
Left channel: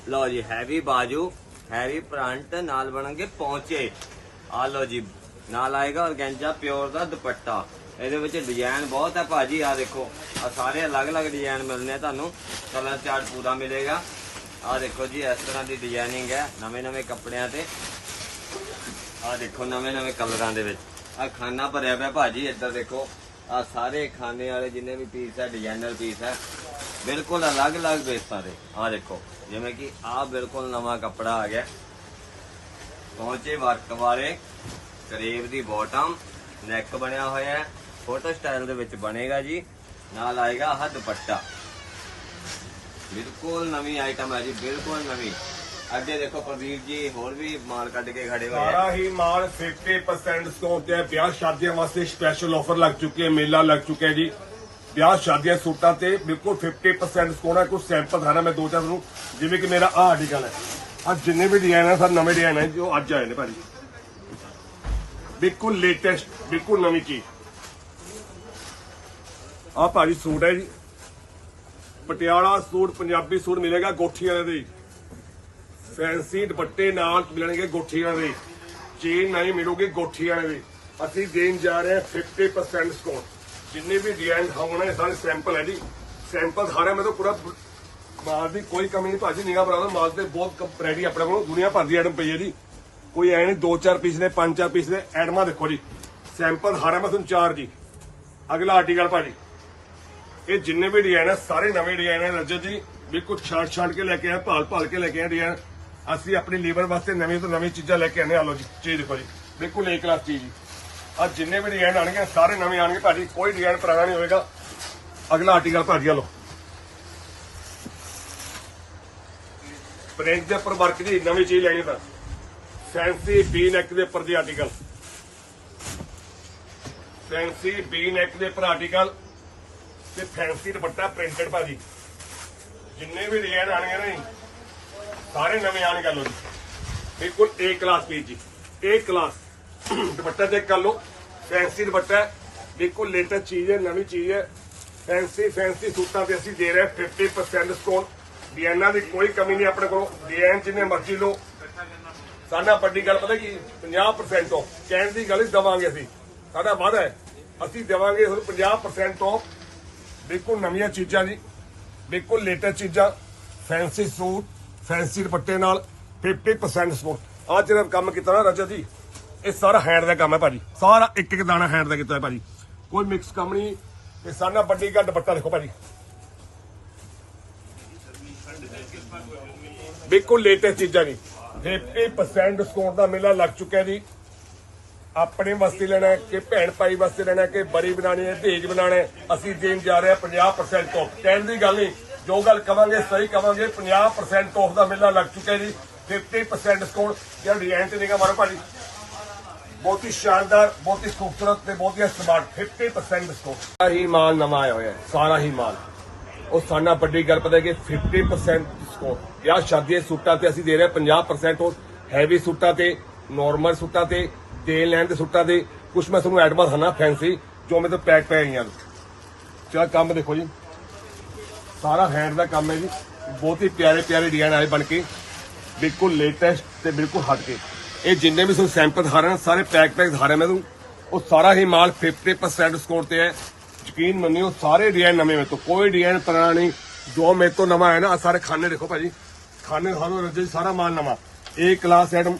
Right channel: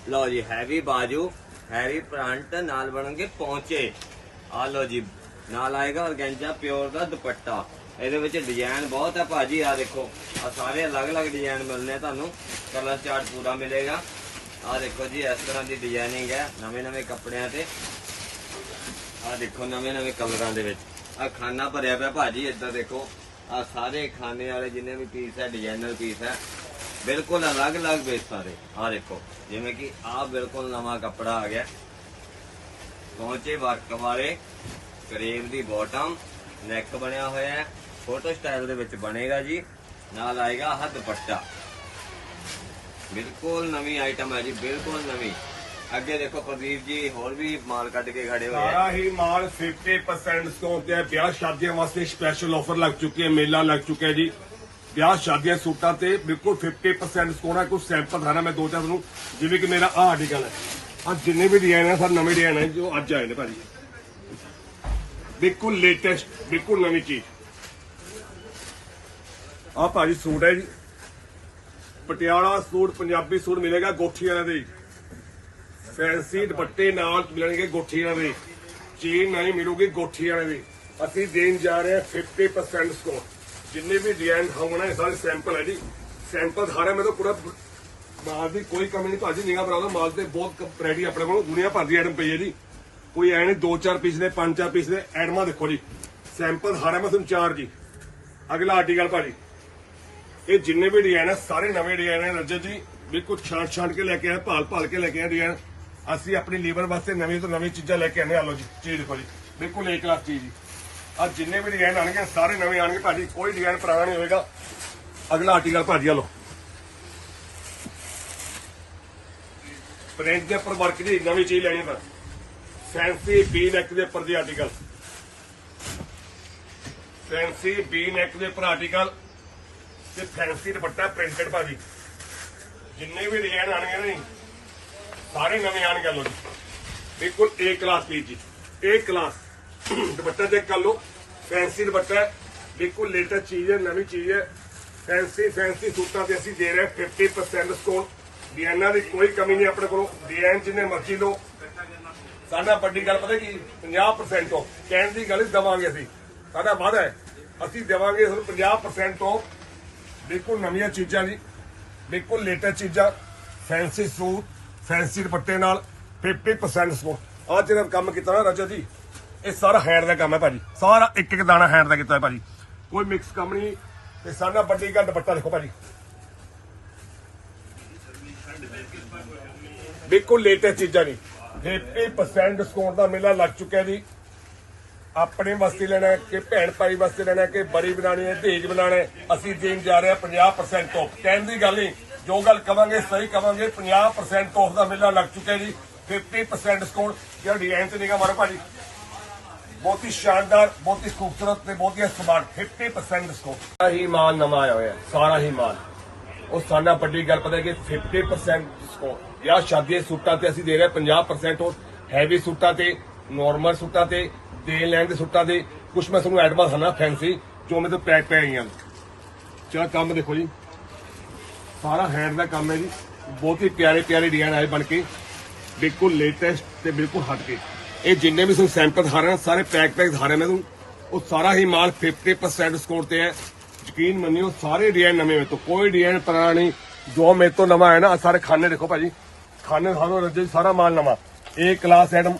ਲਓ ਜੀ ਹੈਵੀ ਬਾਜੂ ਹੈਵੀ ਪ੍ਰਿੰਟ ਨਾਲ ਬਣਨਗੇ ਪਹੁੰਚੇ ਆ ਲਓ ਜੀ, ਨਾਲ ਆਏਗਾ ਔਰਗੈਂਜਾ ਪਿਓਰ ਦਾ ਦੁਪੱਟਾ। ਇਹਦੇ ਵਿੱਚ ਡਿਜ਼ਾਈਨ ਬਹੁਤ ਹੈ ਭਾਜੀ ਆ ਦੇਖੋ। ਆ ਸਾਰੇ ਅਲੱਗ-ਅਲੱਗ ਡਿਜ਼ਾਈਨ ਮਿਲਨੇ ਤੁਹਾਨੂੰ। ਕਲਰ ਚਾਰਟ ਪੂਰਾ ਮਿਲੇਗਾ। ਆ ਦੇਖੋ ਜੀ, ਇਸ ਤਰ੍ਹਾਂ ਦੀ ਡਿਜ਼ਾਈਨਿੰਗ ਹੈ ਨਵੇਂ-ਨਵੇਂ ਕੱਪੜਿਆਂ ਤੇ। ਆ ਦੇਖੋ ਨਵੇਂ-ਨਵੇਂ ਕਲਰਾਂ ਦੇ ਵਿੱਚ। ਆ ਖਾਨਾ ਭਰਿਆ ਪਿਆ ਭਾਜੀ, ਇੱਧਰ ਦੇਖੋ। ਆ ਸਾਰੇ ਖਾਨੇ ਵਾਲੇ ਜਿੰਨੇ ਵੀ ਪੀਸ ਹੈ ਡਿਜ਼ਾਈਨਰ ਪੀਸ ਹੈ ਬਿਲਕੁਲ ਅਲੱਗ-ਅਲੱਗ ਬੇਸਾਂ ਦੇ। ਆ ਦੇਖੋ, ਜਿਵੇਂ ਕਿ ਆ ਬਿਲਕੁਲ ਨਵਾਂ ਕੱਪੜਾ ਆ ਗਿਆ। ਪਹੁੰਚੇ ਵਰਕ ਵਾਲੇ ਕਰੇਵ ਦੀ ਬਾਟਮ ਨੈਕ ਬਣਿਆ ਹੋਇਆ ਹੈ। ਫੋਟੋ ਸਟਾਈਲ ਦੇ ਵਿੱਚ ਬਣੇਗਾ ਜੀ। ਨਾਲ ਆਏਗਾ ਹੱਦ ਦੁਪੱਟਾ। ਬਿਲਕੁਲ ਨਵੀਂ ਆਈਟਮ ਹੈ ਜੀ, ਬਿਲਕੁਲ ਨਵੀਂ। ਅੱਗੇ ਦੇਖੋ ਪ੍ਰਦੀਪ ਜੀ, ਹੋਰ ਵੀ ਮਾਲ ਕੱਢ ਕੇ ਖੜੇ ਹੋਏ ਸਾਰਾ ਹੀ ਮਾਲ 50% ਡਿਸਕਾਊਂਟ ਤੇ ਹੈ। ਵਿਆਹ ਸ਼ਾਦੀਆਂ ਵਾਸਤੇ ਸਪੈਸ਼ਲ ਆਫਰ ਲੱਗ ਚੁੱਕੀ ਹੈ ਮੇਲਾ ਲੱਗ ਚੁੱਕਿਆ ਹੈ ਜੀ। ਵਿਆਹ ਸ਼ਾਦੀਆਂ ਸੂਟਾਂ ਤੇ ਬਿਲਕੁਲ 50% ਡਿਸਕਾਊਂਟ ਹੈ। ਕੁਝ ਸੈਂਪਲ ਦਿਖਾਣਾ ਮੈਂ ਦੋ ਚਾਰ ਨੂੰ ਜਿਵੇਂ ਕਿ ਮੇਰਾ ਆਹ ਆਰਟੀਕਲ ਹੈ। ਆ ਜਿੰਨੇ ਵੀ ਡਿਜ਼ਾਈਨ ਹੈ ਸਰ ਨਵੇਂ ਡਿਜ਼ਾਈਨ ਹੈ। ਜੋ ਅੱਜ ਆਏ ਨੇ ਭਾਜੀ। ਬਿਲਕੁਲ ਲੇਟੈਸਟ ਬਿਲਕੁਲ ਨਵੀਂ ਚੀਜ਼। ਆ ਭਾਜੀ ਸੂਟ ਹੈ ਜੀ। ਪਟਿਆਲਾ ਸੂਟ, ਪੰਜਾਬੀ ਸੂਟ ਮਿਲੇਗਾ ਗੋਠੀ ਵਾਲੇ ਦੇ। ਫੈਂਸੀ ਦੁਪੱਟੇ ਨਾਲ ਮਿਲਣਗੇ ਗੋਠੀ ਵਾਲੇ ਦੇ। ਚੀਨ ਨਹੀਂ ਮਿਲੂਗੀ ਗੋਠੀ ਵਾਲੇ ਦੇ। ਅਸੀਂ ਦੇਣ ਜਾ ਰਹੇ ਹਾਂ 50% ਡਿਸਕਾਊਂਟ ਜਿੰਨੇ ਵੀ ਡਿਜ਼ਾਈਨ ਹੋਣੇ ਸਾਰੇ ਸੈਂਪਲ ਹੈ ਜੀ। ਸੈਂਪਲ ਸਾਰੇ ਮੇਰੇ ਤੋਂ ਪੂਰਾ ਮਾਲ ਦੀ ਕੋਈ ਕਮੀ ਨਹੀਂ ਭਾਜੀ ਨਿਗਾ ਬਰਾਦਰ ਮਾਲ ਤੇ ਬਹੁਤ ਰੈਡੀ ਆਪਣੇ ਕੋਲ। ਦੁਨੀਆ ਭਰ ਦੀ ਆਈਟਮ ਪਈ ਹੈ ਜੀ। ਕੋਈ ਐ ਨਹੀਂ ਦੋ ਚਾਰ ਪੀਸ ਨੇ ਪੰਜ ਚਾਰ ਪੀਸ ਨੇ। ਐਡਮਾ ਦੇਖੋ ਜੀ। ਸੈਂਪਲ ਹਾਰਾ ਮੈਂ ਤੁਹਾਨੂੰ ਚਾਰ ਜੀ। ਅਗਲਾ ਆਰਟੀਕਲ ਭਾਜੀ। ਇਹ ਜਿੰਨੇ ਵੀ ਡਿਜ਼ਾਈਨ ਹੈ ਸਾਰੇ ਨਵੇਂ ਡਿਜ਼ਾਈਨ ਹੈ ਰਜਤ ਜੀ ਬਿਲਕੁਲ ਛਾਂਟ ਛਾਂਟ ਕੇ ਲੈ ਕੇ ਆਏ, ਭਾਲ ਭਾਲ ਕੇ ਲੈ ਕੇ ਆਏ ਡਿਜ਼ਾਈਨ ਅਸੀਂ ਆਪਣੀ ਲੀਵਰ ਵਾਸਤੇ ਨਵੀਂ ਤੋਂ ਨਵੀਂ ਚੀਜ਼ਾਂ ਲੈ ਕੇ ਆਨੇ ਆ ਲੋ ਜੀ, ਚੀਜ਼ ਦੇਖੋ ਜੀ, ਬਿਲਕੁਲ ਏ ਕਲਾਸ ਚੀਜ਼ ਜੀ। ਆ ਜਿੰਨੇ ਵੀ ਡਿਜ਼ਾਈਨ ਆਣਗੇ ਸਾਰੇ ਨਵੇਂ ਆਣਗੇ ਭਾਜੀ, ਕੋਈ ਡਿਜ਼ਾਈਨ ਪੁਰਾਣਾ ਨਹੀਂ ਹੋਏਗਾ। ਅਗਲਾ ਆਰਟੀਕਲ ਭਾਜੀ ਆ ਲੋ ਪ੍ਰਿੰਟ ਦੇ ਉੱਪਰ ਵਰਕ ਦੀ ਨਵੀਂ ਚੀਜ਼ ਲੈਣੀ ਤਾਂ। ਫੈਂਸੀ ਬੀ ਨੈਕ ਦੇ ਉੱਪਰ ਦੀ ਆਰਟੀਕਲ ਫੈਂਸੀ ਬੀ ਨੈਕ ਦੇ ਉੱਪਰ ਆਰਟੀਕਲ ਤੇ ਫੈਂਸੀ ਦੁਪੱਟਾ ਪ੍ਰਿੰਟਡ ਭਾਜੀ। ਜਿੰਨੇ ਵੀ ਡਿਜ਼ਾਈਨ ਆਣਗੇ ਨਾ ਜੀ, ਸਾਰੇ ਨਵੇਂ ਆਣਗੇ ਲੋ ਜੀ। ਬਿਲਕੁਲ ਏ ਕਲਾਸ ਪੀਸ ਜੀ। ਏ ਕਲਾਸ ਦੁਪੱਟਾ ਚੈੱਕ ਕਰ ਲਓ। ਫੈਂਸੀ ਦੁਪੱਟਾ ਬਿਲਕੁਲ ਲੇਟੈਸਟ ਚੀਜ਼ ਹੈ, ਨਵੀਂ ਚੀਜ਼ ਹੈ। ਫੈਂਸੀ ਫੈਂਸੀ ਸੂਟਾਂ ਤੇ ਅਸੀਂ ਦੇ ਰਹੇ ਹਾਂ 50% ਡਿਸਕਾਊਂਟ ਡਿਜ਼ਾਈਨਾਂ ਦੀ ਕੋਈ ਕਮੀ ਨਹੀਂ ਆਪਣੇ ਕੋਲ। ਡਿਜ਼ਾਈਨ ਜਿੰਨੇ ਮਰਜ਼ੀ ਲਓ। ਸਾਡਾ ਵੱਡੀ ਗੱਲ ਪਤਾ ਕੀ? 50% ਤੋਂ ਕਹਿਣ ਦੀ ਗੱਲ ਹੀ ਦਵਾਂਗੇ ਅਸੀਂ। ਸਾਡਾ ਵਾਅਦਾ ਹੈ। ਅਸੀਂ ਦੇਵਾਂਗੇ ਤੁਹਾਨੂੰ 50% ਤੋਂ ਬਿਲਕੁਲ ਨਵੀਆਂ ਚੀਜ਼ਾਂ ਜੀ, ਬਿਲਕੁਲ ਲੇਟੈਸਟ ਚੀਜ਼ਾਂ ਫੈਂਸੀ ਸੂਟ ਫੈਂਸੀ ਦੁਪੱਟੇ ਨਾਲ 50% ਸਪੋਰਟ। ਆਹ ਜਿਹੜਾ ਕੰਮ ਕੀਤਾ ਨਾ ਰਜਤ ਜੀ, ਇਹ ਸਾਰਾ ਹੈਂਡ ਦਾ ਕੰਮ ਹੈ ਭਾਜੀ। ਸਾਰਾ ਇੱਕ ਇੱਕ ਦਾਣਾ ਹੈਂਡ ਦਾ ਕੀਤਾ ਹੈ ਭਾਜੀ। ਕੋਈ ਮਿਕਸ ਕੰਮ ਨਹੀਂ, ਤੇ ਸਾਡਾ ਵੱਡੀ ਗੱਲ ਦੁਪੱਟਾ ਦੇਖੋ ਭਾਜੀ। ਬਿਲਕੁਲ ਲੇਟੈਸਟ ਚੀਜ਼ਾਂ ਨਹੀਂ 50% ਡਿਸਕਾਊਂਟ ਦਾ ਮੇਲਾ ਲੱਗ ਚੁੱਕਿਆ ਜੀ। ਆਪਣੇ ਵਾਸਤੇ ਲੈਣਾ ਕਿ ਭੈਣ ਭਾਈ ਵਾਸਤੇ ਲੈਣਾ ਕਿ ਬਰੀ ਬਣਾਣੀ ਹੈ ਦਹੇਜ ਬਣਾਣਾ ਅਸੀਂ ਦੇਣ ਜਾ ਰਹੇ ਹਾਂ 50% ਤੋਂ ਕਹਿਣ ਦੀ ਗੱਲ ਨਹੀਂ, ਜੋ ਗੱਲ ਕਵਾਂਗੇ, ਸਹੀ ਕਵਾਂਗੇ 50% ਆਫ ਦਾ ਮੇਲਾ ਲੱਗ ਚੁੱਕਿਆ ਜੀ। 50% ਡਿਸਕਾਊਂਟ ਜਿਹੜਾ ਡਿਜ਼ਾਈਨ ਤੇ ਨਿਗਾ ਮਾਰੋ ਭਾਜੀ। ਬਹੁਤ ਹੀ ਸ਼ਾਨਦਾਰ, ਬਹੁਤ ਹੀ ਖੂਬਸੂਰਤ ਤੇ ਬਹੁਤ ਹੀ ਸਮਾਰਟ 50% ਡਿਸਕਾਊਂਟ ਸਾਰਾ ਹੀ ਮਾਲ ਨਵਾਂ ਆਇਆ ਹੋਇਆ ਸਾਰਾ ਹੀ ਮਾਲ। ਉਹ ਸਾਨਾ ਵੱਡੀ ਗੱਲ ਪਤਾ ਹੈ ਕਿ 50% ਡਿਸਕਾਊਂਟ ਜਾਂ ਸ਼ਾਦੀ ਦੇ ਸੂਟਾਂ ਤੇ ਅਸੀਂ ਦੇ ਰਹੇ ਹਾਂ 50% ਹੈਵੀ ਸੂਟਾਂ ਤੇ ਨਾਰਮਲ ਸੂਟਾਂ ਤੇ ਦੇਣ ਲੈਣ ਦੇ ਸੁੱਟਾ ਦੇ ਕੁਝ ਮੈਂ ਤੁਹਾਨੂੰ ਐਡਮਾਂ ਹਨਾ ਫੈਂਸੀ ਜੋ ਮੇਰੇ ਤੋਂ ਪੈਕ ਪੈ ਗਈਆਂ ਚਾ ਕੰਮ ਦੇਖੋ ਜੀ। ਸਾਰਾ ਹੈਂਡ ਦਾ ਕੰਮ ਹੈ ਜੀ। ਬਹੁਤ ਹੀ ਪਿਆਰੇ ਪਿਆਰੇ ਡਿਜ਼ਾਈਨ ਆਏ ਬਣ ਕੇ। ਬਿਲਕੁਲ ਲੇਟੈਸਟ ਤੇ ਬਿਲਕੁਲ ਹਟ ਕੇ। ਇਹ ਜਿੰਨੇ ਵੀ ਤੁਹਾਨੂੰ ਸੈਂਪਲ ਦਿਖਾ ਰਹੇ, ਸਾਰੇ ਪੈਕ ਪੈਕ ਦਿਖਾ ਰਹੇ ਮੈਂ ਤੁਹਾਨੂੰ। ਉਹ ਸਾਰਾ ਹੀ ਮਾਲ 50% ਡਿਸਕਾਊਂਟ ਤੇ ਹੈ। ਯਕੀਨ ਮੰਨਿਓ, ਸਾਰੇ ਡਿਜ਼ਾਈਨ ਨਵੇਂ ਮੇਰੇ ਤੋਂ। ਕੋਈ ਡਿਜ਼ਾਈਨ ਪੁਰਾਣਾ ਨਹੀਂ। ਜੋ ਮੇਰੇ ਤੋਂ ਨਵਾਂ ਹੈ ਨਾ ਸਾਰੇ ਖਾਨੇ ਦੇਖੋ ਭਾਜੀ। ਖਾਨੇ ਖਾਨੋ ਰੱਜੇ ਸਾਰਾ ਮਾਲ ਨਵਾਂ। A class item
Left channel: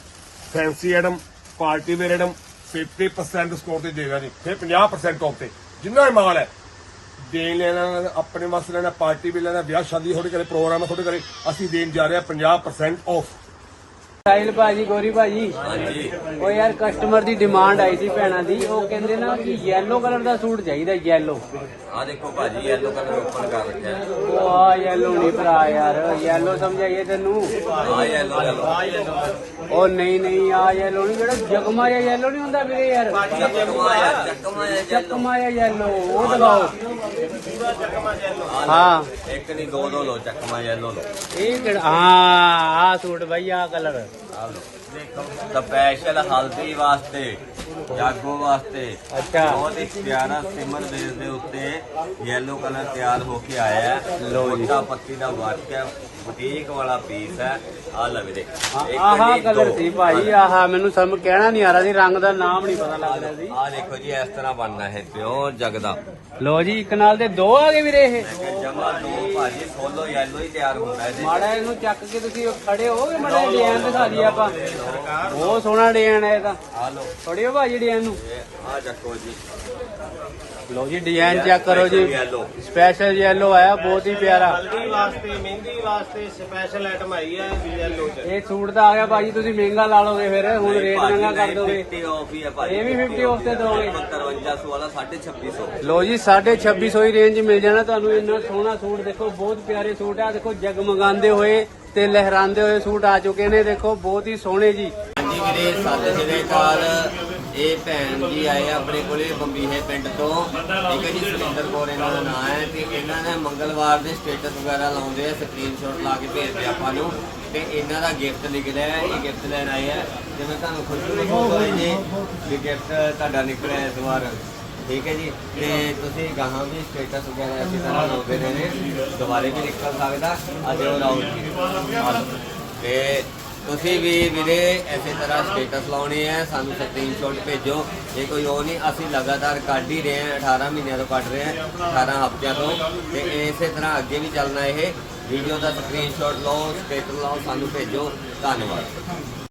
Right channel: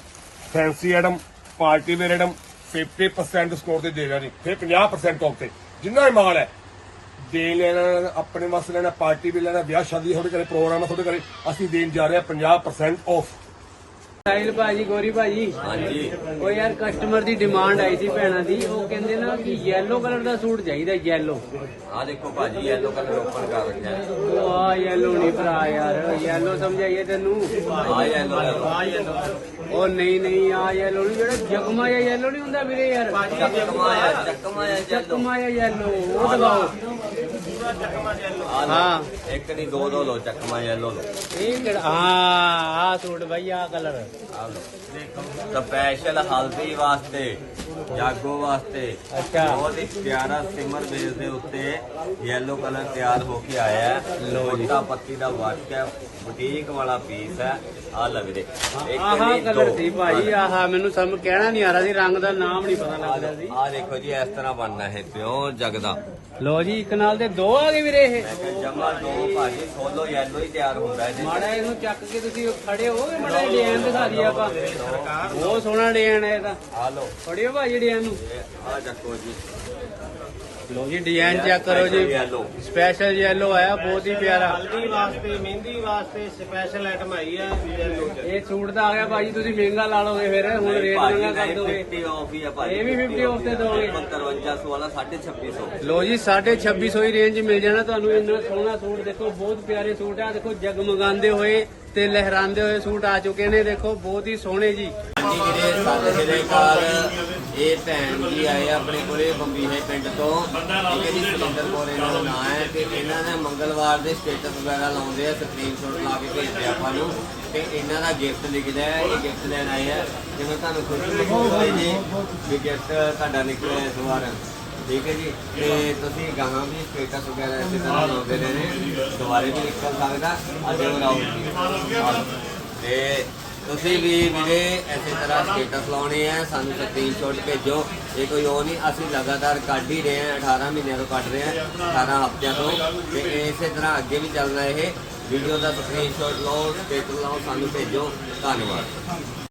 fancy item party wear item 50% ਸਕੋਰ ਤੇ ਦੇ ਰਿਹਾ ਜੀ ਫਿਰ 50% ਆਫ ਤੇ ਜਿੰਨਾ ਵੀ ਮਾਲ ਹੈ, ਦੇਣ ਲੈਣਾ, ਆਪਣੇ ਵਾਸਤੇ ਲੈਣਾ, ਪਾਰਟੀ ਵੀ ਲੈਣਾ, ਵਿਆਹ ਸ਼ਾਦੀ ਤੁਹਾਡੇ ਘਰੇ, ਪ੍ਰੋਗਰਾਮ ਹੈ ਤੁਹਾਡੇ ਘਰੇ, ਅਸੀਂ ਦੇਣ ਜਾ ਰਹੇ ਹਾਂ 50% ਆਫ ਸਾਹਿਲ ਭਾਜੀ ਗੋਰੀ ਭਾਜੀ। ਹਾਂਜੀ। ਉਹ ਯਾਰ ਕਸਟਮਰ ਦੀ ਡਿਮਾਂਡ ਆਈ ਸੀ ਭੈਣਾਂ ਦੀ। ਉਹ ਕਹਿੰਦੇ ਨਾ ਕਿ yellow ਕਲਰ ਦਾ ਸੂਟ ਚਾਹੀਦਾ yellow ਆ ਦੇਖੋ ਭਾਜੀ ਯੈਲੋ ਕਲਰ ਓਪਨ ਕਰ ਰੱਖਿਆ ਹੈ। ਉਹ ਆ yellow ਨਹੀਂ ਭਰਾ ਯਾਰ yellow ਸਮਝਾਈਏ ਤੈਨੂੰ। ਆ ਯੈਲੋ ਆ ਉਹ ਨਹੀਂ ਨਹੀਂ ਆ yellow ਨਹੀਂ ਜਿਹੜਾ ਜਗਮਾ ਜਾਂ yellow ਨਹੀਂ ਹੁੰਦਾ ਵੀਰੇ ਯਾਰ। ਚੱਕਮਾ ਆ। ਚੱਕਮਾ ਆ ਯੈਲੋ ਜਗਮਾ ਜਾਂ yellow ਉਹ ਦਿਖਾਓ। ਹਾਂ। ਇੱਕ ਨਹੀਂ ਦੋ ਦੋ ਲੋ ਚੱਕਮਾ ਯੈਲੋ ਲੋ ਇਹ ਕਿਹੜਾ ਹਾਂ ਆ ਸੂਟ ਬਈ ਆ ਕਲਰ ਆ ਲੋ ਸਪੈਸ਼ਲ ਹਲਦੀ ਵਾਸਤੇ ਜਾਗੋ ਵਾਸਤੇ। ਬਹੁਤ ਹੀ ਪਿਆਰਾ ਸਿਮਰ ਬੇਸ ਦੇ ਉੱਤੇ ਯੈਲੋ ਕਲਰ ਤਿਆਰ ਹੋ ਕੇ ਆਇਆ ਹੈ। ਲੋਟਾ ਪੱਤੀ ਦਾ ਵਰਕ ਹੈ ਬੁਟੀਕ ਵਾਲਾ ਪੀਸ ਹੈ। ਆ ਲੱਗਦੇ ਇੱਕ ਆਹ ਕਲਰ ਦੋ। ਸੀ ਭਾਈ ਆਹ ਮੈਨੂੰ ਸਮਝ ਕਹਿਣਾ ਨਹੀਂ ਆ ਰਿਹਾ ਸੀ ਰੰਗ ਦਾ ਨਾਮ ਨਹੀਂ ਪਤਾ ਲੱਗ ਰਿਹਾ ਸੀ। ਆ ਦੇਖੋ ਜੀ ਇਸ ਤਰ੍ਹਾਂ ਬਣਨਾ ਹੈ ਪਿਓਰ ਜਗਦਾ ਲੋ ਜੀ ਇੱਕ ਨਾਲ ਦੇ ਦੋ ਆ ਗਏ ਵੀਰੇ ਇਹ। ਜਮਾ ਦੋ ਭਾਜੀ ਸੋਲੋ ਯੈਲੋ ਹੀ ਤਿਆਰ ਹੁੰਦਾ ਹੈ ਮਾੜਾ ਇਹਨੂੰ ਚੱਕ ਕੇ ਤੁਸੀਂ ਖੜੇ ਹੋ ਮਾੜਾ ਡਿਜ਼ਾਈਨ ਦਿਖਾ ਦਈਏ ਆਪਾਂ। ਬਹੁਤ ਸੋਹਣਾ ਡਿਜ਼ਾਈਨ ਹੈ ਇਹਦਾ। ਆ ਲੋ ਫੜਿਓ ਭਾਜੀ ਡਿਜ਼ਾਈਨ ਨੂੰ। ਆ ਚੱਕੋ ਜੀ। ਲੋ ਜੀ ਡਿਜ਼ਾਈਨ ਚੈੱਕ ਕਰੋ ਜੀ। ਯੈਲੋ ਸਪੈਸ਼ਲ yellow ਆਇਆ ਬਹੁਤ ਹੀ ਪਿਆਰਾ। ਹਲਦੀ ਵਾਸਤੇ ਮਹਿੰਦੀ ਵਾਸਤੇ ਸਪੈਸ਼ਲ ਆਈਟਮ ਆਈ ਹੈ ਯੈਲੋ ਚ। ਇਹ ਸੂਟ ਦਾ ਆ ਗਿਆ ਭਾਜੀ ਤੁਸੀਂ ਮਹਿੰਗਾ ਲਾ ਲੋਗੇ ਫਿਰ ਹੁਣ ਰੇਟ ਮਹਿੰਗਾ ਕਰ ਦੋਗੇ। 50 ਆਫ ਹੀ ਹੈ ਭਾਜੀ। ਇਹ ਵੀ 50 off ਤੇ ਦੋਗੇ। 5300 ਵਾਲਾ 2650 ਲੋ ਜੀ 2650 ਹੀ ਰੇਂਜ ਮਿਲ ਜਾਣਾ ਤੁਹਾਨੂੰ ਇੰਨਾ ਸੋਹਣਾ ਸੂਟ ਦੇਖੋ ਬਹੁਤ ਪਿਆਰੇ ਸੂਟ ਆ। ਦੇਖੋ ਜਗਮਗਾਉਂਦੇ ਹੋਏ ਤੇ ਲਹਿਰਾਉਂਦੇ ਹੋਏ ਸੂਟ ਆ ਚੁੱਕੇ ਨੇ ਦੇਖੋ ਬਹੁਤ ਹੀ ਸੋਹਣੇ ਜੀ। ਹਾਂਜੀ ਵੀਰੇ ਸਤਿ ਇਹ ਭੈਣ ਜੀ ਆਏ ਆ ਆਪਣੇ ਕੋਲੇ ਬੰਬੀਹੇ ਪਿੰਡ ਤੋਂ। ਠੀਕ ਜੀ ਸੁਰਿੰਦਰ ਕੌਰ ਇਹਨਾਂ ਦਾ ਨਾਮ ਹੈ ਤੇ ਇਹਨਾਂ ਨੇ ਮੰਗਲਵਾਰ ਦੇ ਸਟੇਟਸ ਵਗੈਰਾ ਲਾਉਂਦੇ ਆ ਸਕਰੀਨਸ਼ਾਟ ਲਾ ਕੇ ਭੇਜਦੇ ਆਪਾਂ ਨੂੰ। ਤੇ ਇਹਨਾਂ ਦਾ ਗਿਫਟ ਨਿਕਲਿਆ ਹੈ, ਇਹ ਗਿਫਟ ਲੈਣ ਆਏ ਆ। ਤੇ ਮੈਂ ਤੁਹਾਨੂੰ ਖੁਸ਼ੀ ਦਿਖਾਉਂਦਾ ਜੀ, ਇਹ ਗਿਫਟ ਤੁਹਾਡਾ ਨਿਕਲਿਆ ਇਸ ਵਾਰ। ਠੀਕ ਹੈ ਜੀ? ਤੇ ਤੁਸੀਂ ਗਾਹਾਂ ਵੀ ਸਟੇਟਸ ਵਗੈਰਾ ਇਸੇ ਤਰ੍ਹਾਂ ਲਾਉਂਦੇ ਨੇ। ਦੁਬਾਰੇ ਵੀ ਨਿਕਲ ਸਕਦਾ, ਅੱਜ ਉਹ ਲਾਓ ਤੇ ਤੁਸੀਂ ਵੀ ਵੀਰੇ ਇਸੇ ਤਰ੍ਹਾਂ ਸਟੇਟਸ ਲਾਉਣੇ ਆ, ਸਾਨੂੰ ਸਕਰੀਨਸ਼ਾਟ ਭੇਜੋ। ਇਹ ਕੋਈ ਉਹ ਨਹੀਂ, ਅਸੀਂ ਲਗਾਤਾਰ ਕੱਢ ਹੀ ਰਹੇ ਹਾਂ 18 ਮਹੀਨਿਆਂ ਤੋਂ ਕੱਢ ਰਹੇ ਹਾਂ 18 ਹਫ਼ਤਿਆਂ ਤੋਂ। ਤੇ ਇਸੇ ਤਰ੍ਹਾਂ ਅੱਗੇ ਵੀ ਚੱਲਣਾ ਇਹ। ਵੀਡੀਓ ਦਾ ਸਕਰੀਨਸ਼ਾਟ ਲਓ ਸਟੇਟਸ ਲਾਓ, ਸਾਨੂੰ ਭੇਜੋ। ਧੰਨਵਾਦ।